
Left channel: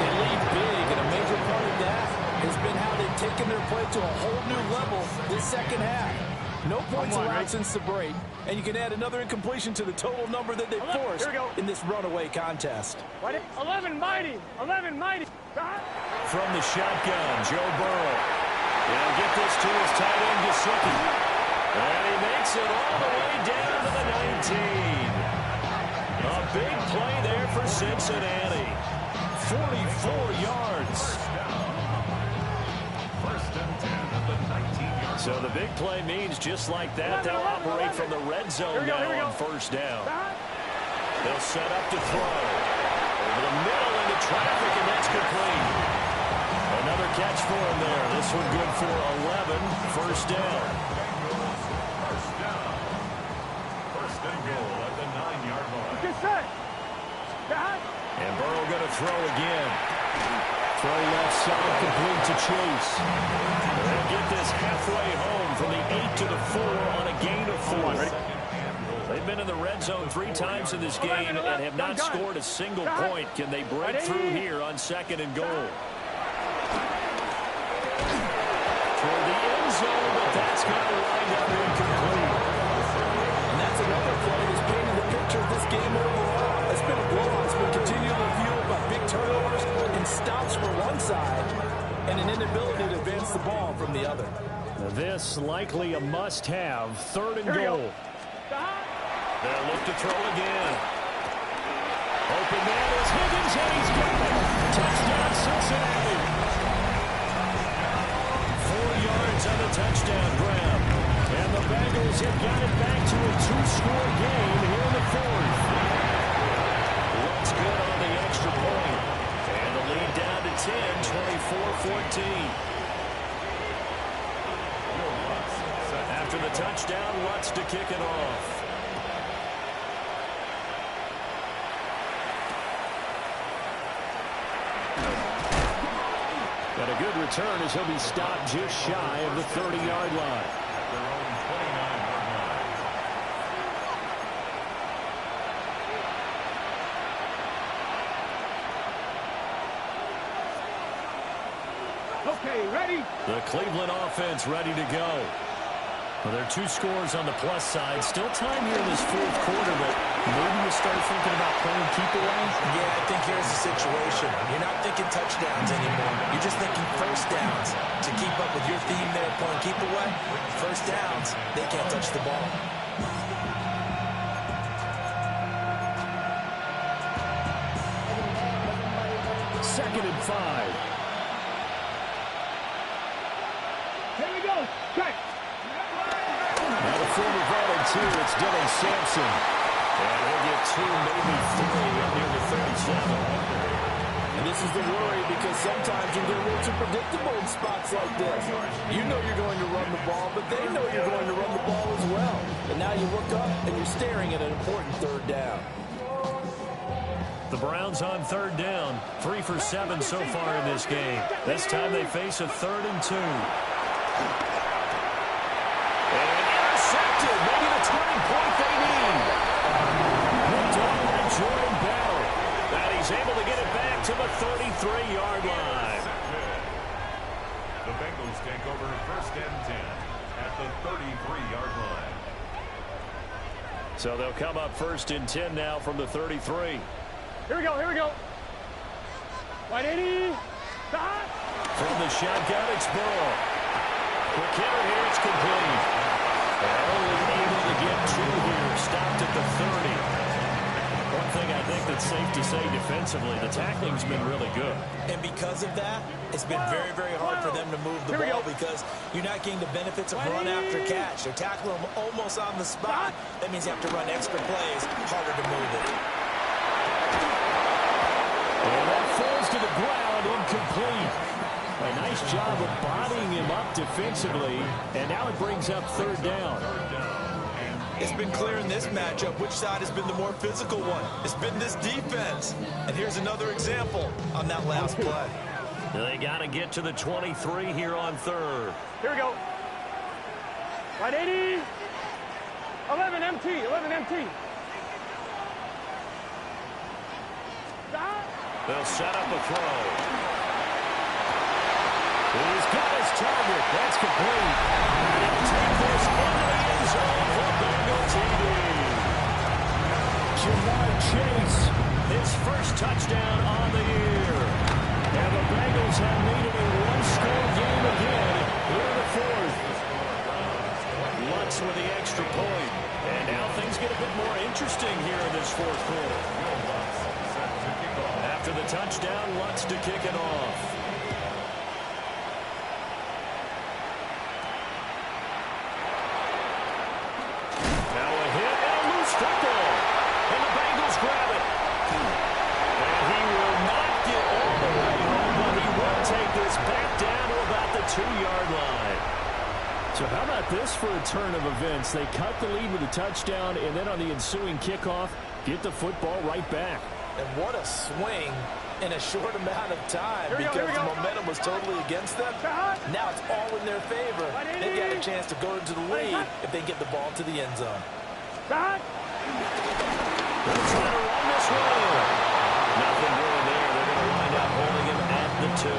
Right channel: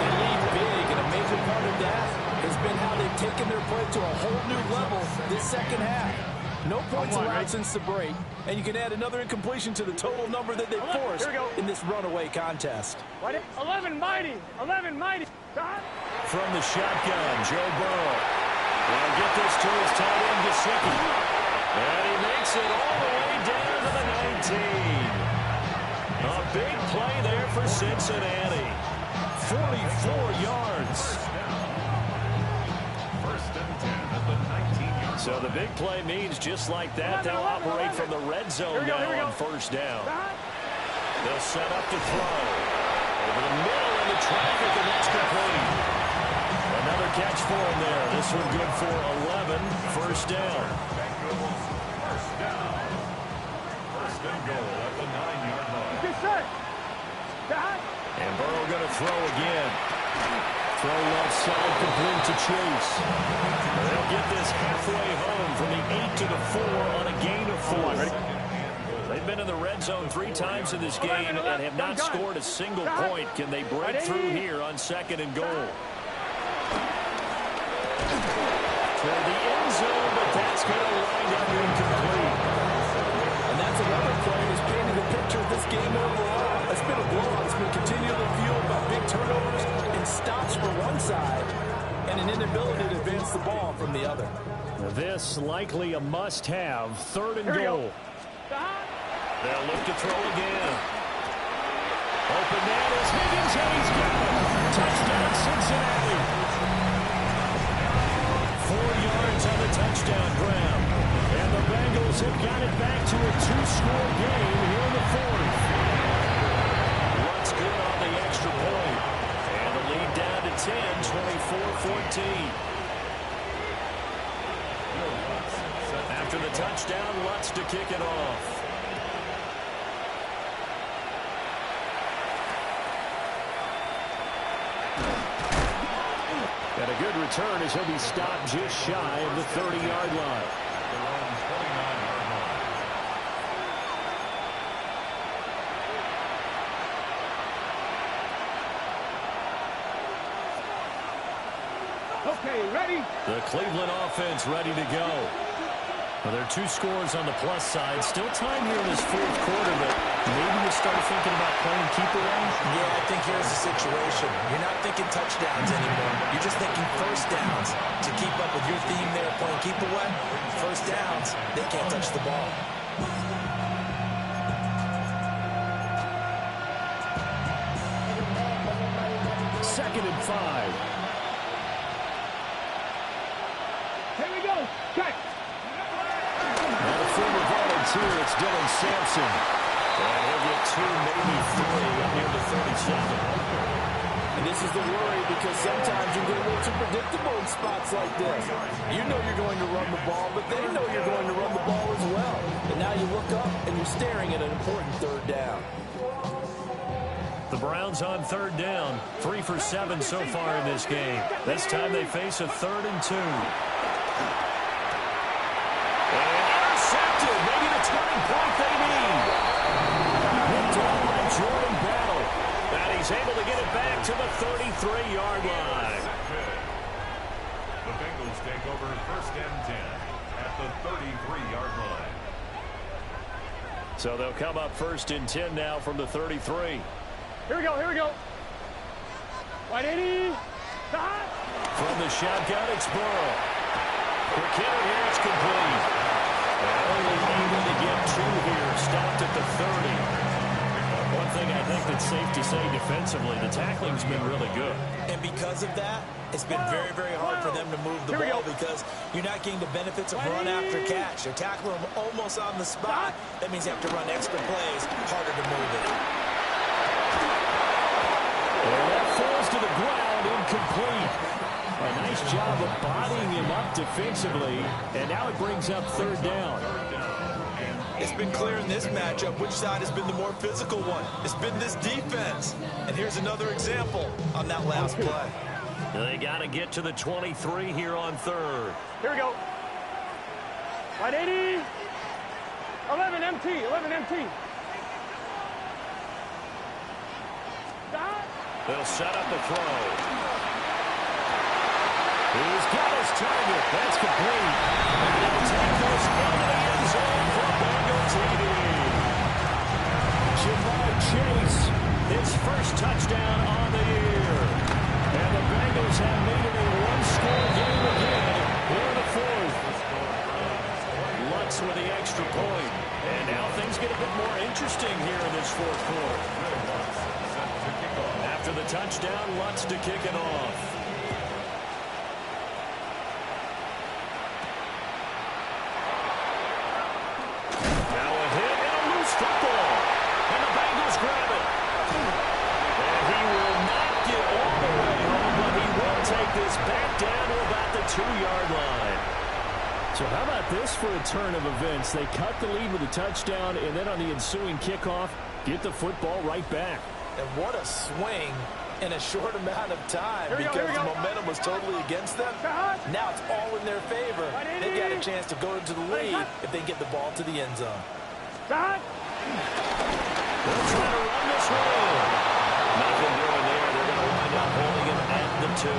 They lead big, and a major part of that has been how they've taken their play to a whole new level this second half. No points allowed since the break, and you can add another incompletion to the total number that they forced in this runaway contest. 11 mighty. 11 mighty. From the shotgun, Joe Burrow. And get this to his tight end, Gesicki. And he makes it all the way down to the 19. A big play there for Cincinnati. 44 yards. First and 10 at the 19-yard. So the big play means just like that, they'll operate from the red zone now on first down. They'll set up to throw. Over the middle into traffic, and that's complete. Another catch for him there. This one good for 11. First down. First down. First and goal at the 9-yard line. Good set. And Burrow going to throw again. Throw left side, complete to Chase. They'll get this halfway home from the 8 to the 4 on a gain of 4. They've been in the red zone 3 times in this game and have not scored a single point. Can they break through here on second and goal? Toward the end zone, but that's going to wind up incomplete. And that's another play that's painted the picture of this game overall. It's been a blowout. It's been continually fueled by big turnovers and stops for one side and an inability to advance the ball from the other. This likely a must-have. Third and goal. They'll look to throw again. Open man is Higgins, and he's got it. Touchdown, Cincinnati. 4 yards on the touchdown grab. And the Bengals have got it back to a 2-score game here in the 4th. Looks good on the extra point. And the lead down to 10, 24-14. After the touchdown, Lutz to kick it off. And a good return as he'll be stopped just shy of the 30-yard line. At their own 29-yard line. Okay, ready? The Cleveland offense ready to go. Well, there are 2 scores on the plus side. Still time here in this 4th quarter, but maybe you start thinking about playing keep away? Yeah, I think here's the situation. You're not thinking touchdowns anymore. You're just thinking first downs. To keep up with your theme there, playing keep away, first downs, they can't touch the ball. Second and 5. Here we go. Check. Now the former volunteer, it's Dylan Sampson. And he'll get 2, maybe 3 up near the 37. And this is the worry, because sometimes you get a little too predictable in spots like this. You know you're going to run the ball, but they know you're going to run the ball as well. And now you look up and you're staring at an important third down. The Browns on third down. 3 for 7 so far in this game. This time they face a 3rd and 2. And intercepted. Maybe the turning point they need. Picked off by Jordan Battle. And he's able to get it back to the 33-yard line. The Bengals take over first and 10 at the 33-yard line. So they'll come up first and 10 now from the 33. Here we go, here we go. Wide 80. From the shotgun, it's Burrow. Quick hitter here, it's complete. And only able to get 2 here, stopped at the 30. thing I think that's safe to say defensively, the tackling's been really good. And because of that, it's been very, very hard for them to move the ball because you're not getting the benefits of run after catch. They're tackling them almost on the spot. That means you have to run extra plays, harder to move it. And that falls to the ground, incomplete. A nice job of bodying him up defensively, and now it brings up third down. It's been clear in this matchup which side has been the more physical one. It's been this defense. And here's another example on that last play. They got to get to the 23 here on third. Here we go. Right 80. 11 MT. 11 MT. Stop. They'll set up a throw. He's got his target. That's complete. And he'll take this into the end zone for a Bengal TD. Jamar Chase, his first touchdown on the year. And the Bengals have made it a one-score game again here in the fourth. Lutz with the extra point. And now things get a bit more interesting here in this fourth quarter. After the touchdown, Lutz to kick it off. Football, and the Bengals grab it. And he will not get all the way home, but he will take this back down to about the 2-yard line. So how about this for a turn of events? They cut the lead with a touchdown, and then on the ensuing kickoff, get the football right back. And what a swing in a short amount of time because the momentum was totally against them. Now it's all in their favor. They've got a chance to go into the lead if they get the ball to the end zone. They'll try to run this one in. Nothing doing there. They're going to wind up holding him at the 2.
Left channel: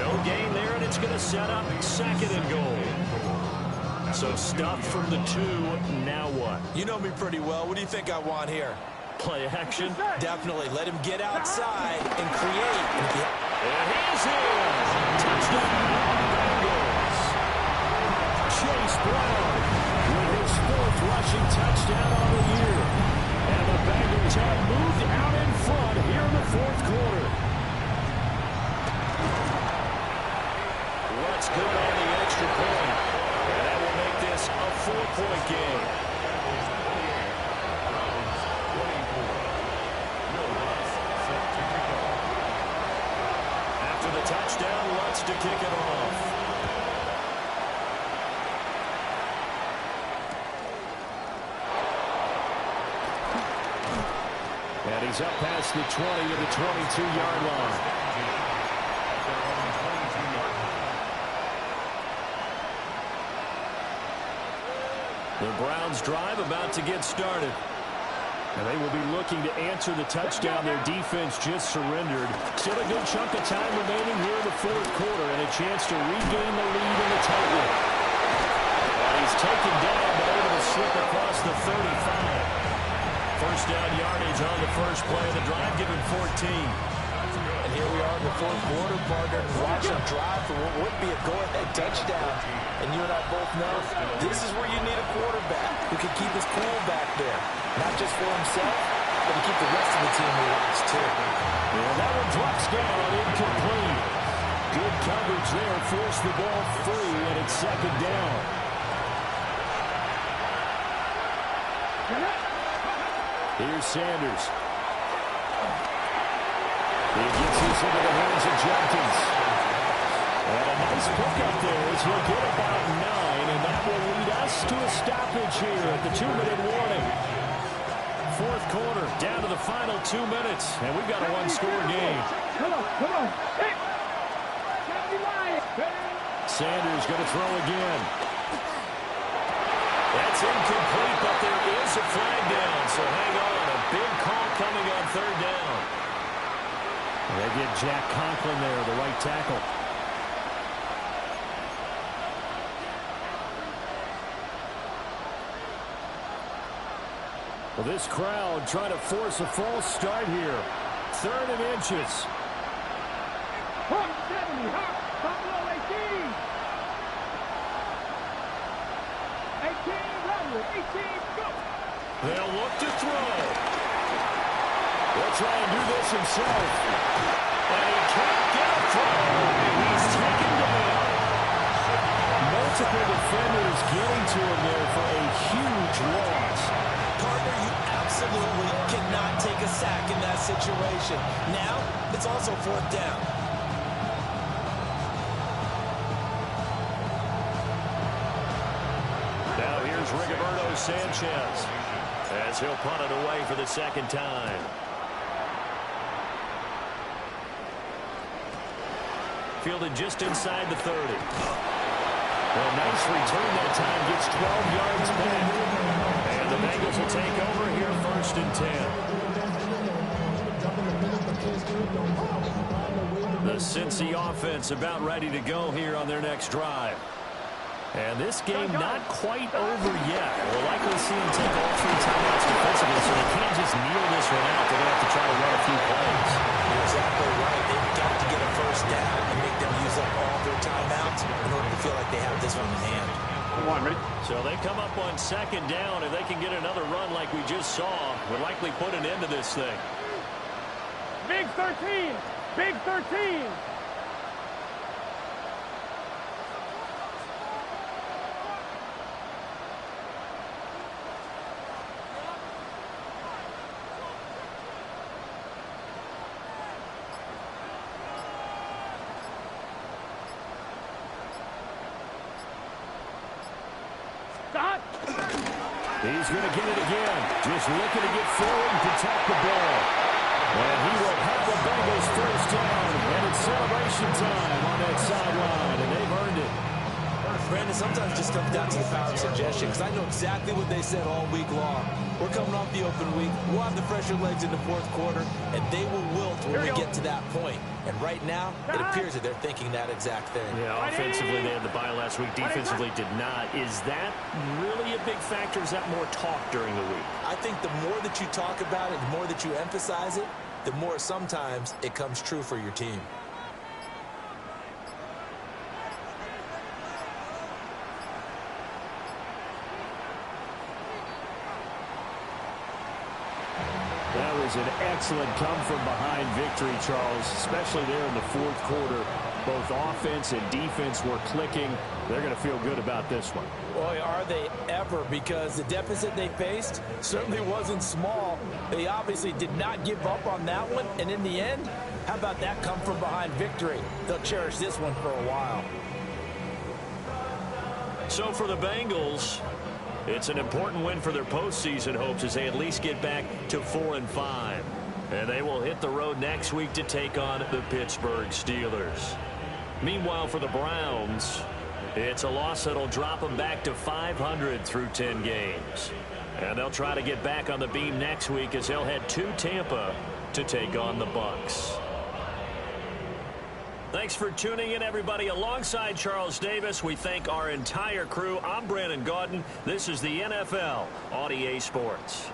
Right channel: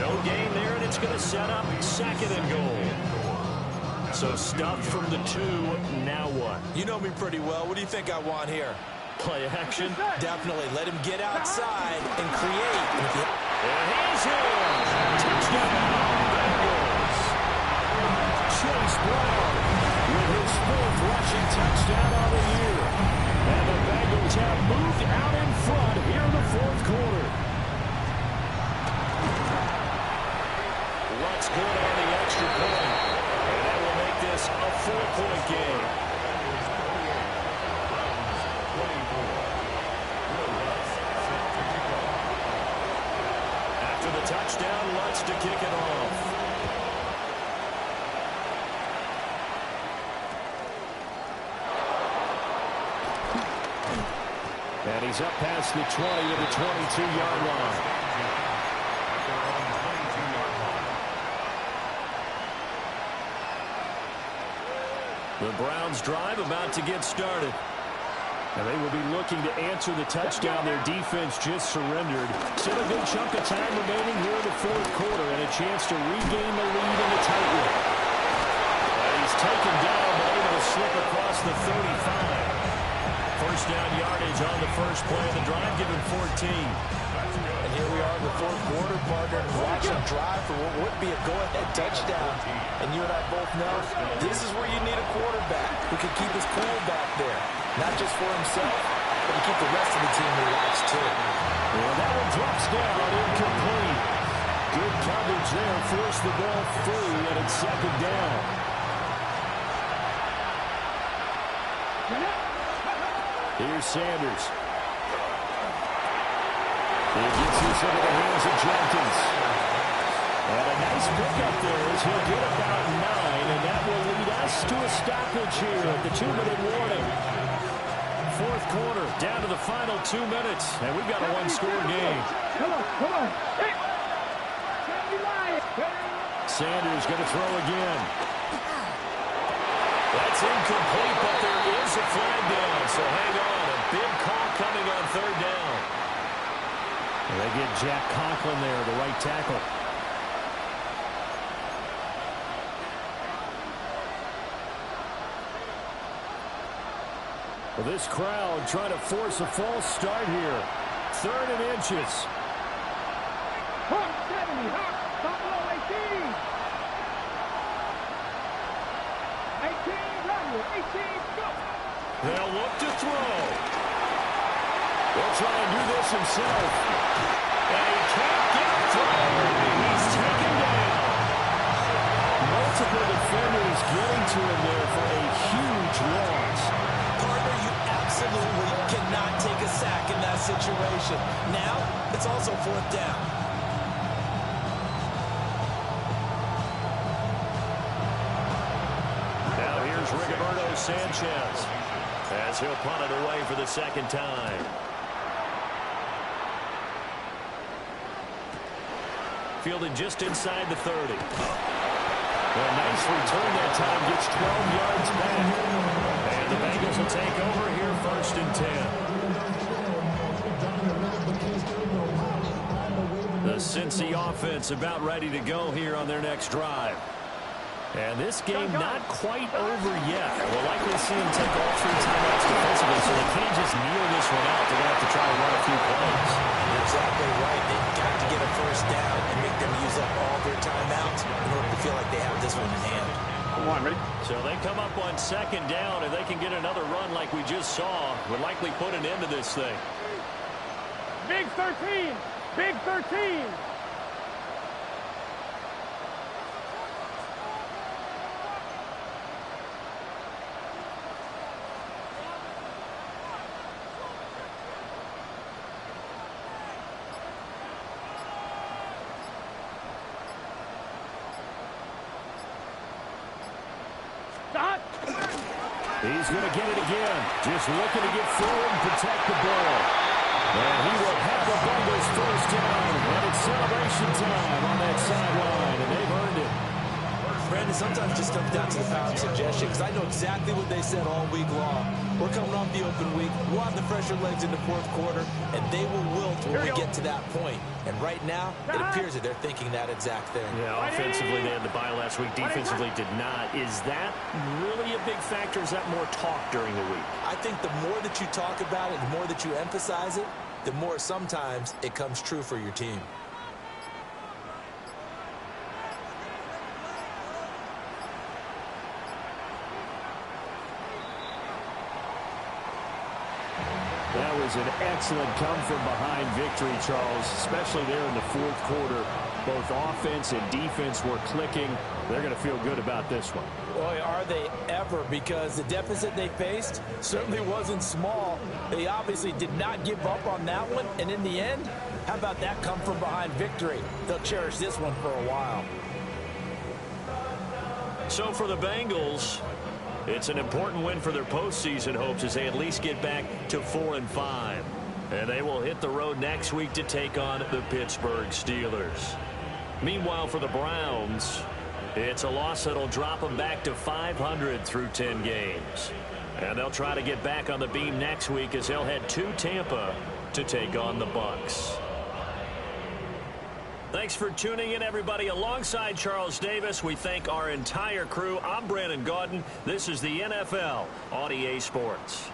No gain there, and it's going to set up second and goal. So stuffed from the 2. Now what? You know me pretty well. What do you think I want here? Play action? Definitely. Let him get outside and create. And he's in. Touchdown, Bengals. Chase Brown with his 4th rushing touchdown on the year. And the Bengals have moved out in front here in the fourth quarter. Lutz good on the extra point. And that will make this a 4-point game. After the touchdown, Lutz to kick it off. And he's up past the 20 to the 22-yard line. The Browns drive about to get started. And they will be looking to answer the touchdown their defense just surrendered. Still a good chunk of time remaining here in the fourth quarter and a chance to regain the lead in the tight one. And he's taken down but able to slip across the 35. First down yardage on the first play of the drive, given 14. And here we are in the fourth quarter, partner, and watch him drive for what would be a go-ahead touchdown. And you and I both know this is where you need a quarterback who can keep his cool back there. Not just for himself, but to keep the rest of the team relaxed, too. And that one drops down, incomplete. Good coverage there, forced the ball free, and it's second down. Here's Sanders. He gets this into the hands of Jenkins. And a nice pickup there as he'll get about 9, and that will lead us to a stoppage here at the 2-minute warning. Fourth quarter, down to the final 2 minutes, and we've got a one-score game. Come on, come on. Hey. Sanders going to throw again. That's incomplete, but there is a flag down, so hang on. A big call coming on third down. And they get Jack Conklin there, the right tackle. Well, this crowd trying to force a false start here. 3rd and inches. Hawk 70, Hawk, top low 18. 18, Roderick, 18, go. They'll look to throw. He'll try and do this himself. And he can't get a throw. He's taken down. Multiple defenders getting to him there for a huge loss. Partner, you absolutely cannot take a sack in that situation. Now, it's also 4th down. Now here's Rigoberto Sanchez as he'll punt it away for the 2nd time. Fielded just inside the 30. A nice return that time, gets 12 yards back. And the Bengals will take over here 1st and 10. The Cincy offense about ready to go here on their next drive. And this game not quite over yet. We'll likely see them take all 3 timeouts defensively, so they can't just kneel this one out. They're going to have to try to run a few plays. You're exactly right. They've got to get a 1st down and make them use up all their timeouts in order to feel like they have this one in hand. Come on, ready? So they come up on 2nd down. If they can get another run like we just saw, would likely put an end to this thing. Big 13. Big 13. He's going to get it again. Just looking to get forward and protect the ball. And he will have the Bengals 1st down. And it's celebration time on that sideline. And they've earned it. Brandon, sometimes it just comes down to the power of suggestion, because I know exactly what they said all week long. We're coming off the open week. We'll have the fresher legs in the 4th quarter, and they will wilt when we get to that point. And right now, it appears that they're thinking that exact thing. Yeah, offensively, they had the bye last week. Defensively, did not. Is that really a big factor? Is that more talk during the week? I think the more that you talk about it, the more that you emphasize it, the more sometimes it comes true for your team. That was an excellent come-from-behind victory, Charles, especially there in the 4th quarter. Both offense and defense were clicking. They're going to feel good about this one. Boy, are they ever, because the deficit they faced certainly wasn't small. They obviously did not give up on that one, and in the end, how about that come-from-behind victory? They'll cherish this one for a while. So for the Bengals, it's an important win for their postseason hopes as they at least get back to 4-5. And they will hit the road next week to take on the Pittsburgh Steelers. Meanwhile, for the Browns, it's a loss that'll drop them back to 500 through 10 games. And they'll try to get back on the beam next week as they'll head to Tampa to take on the Bucs. Thanks for tuning in, everybody. Alongside Charles Davis, we thank our entire crew. I'm Brandon Gaudin. This is the NFL on EA Sports.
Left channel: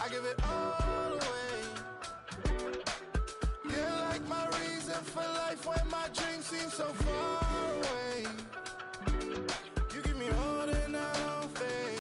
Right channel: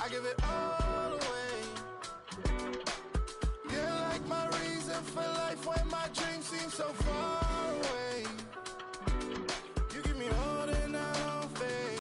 I give it all away. You're like my reason for life when my dreams seem so far away.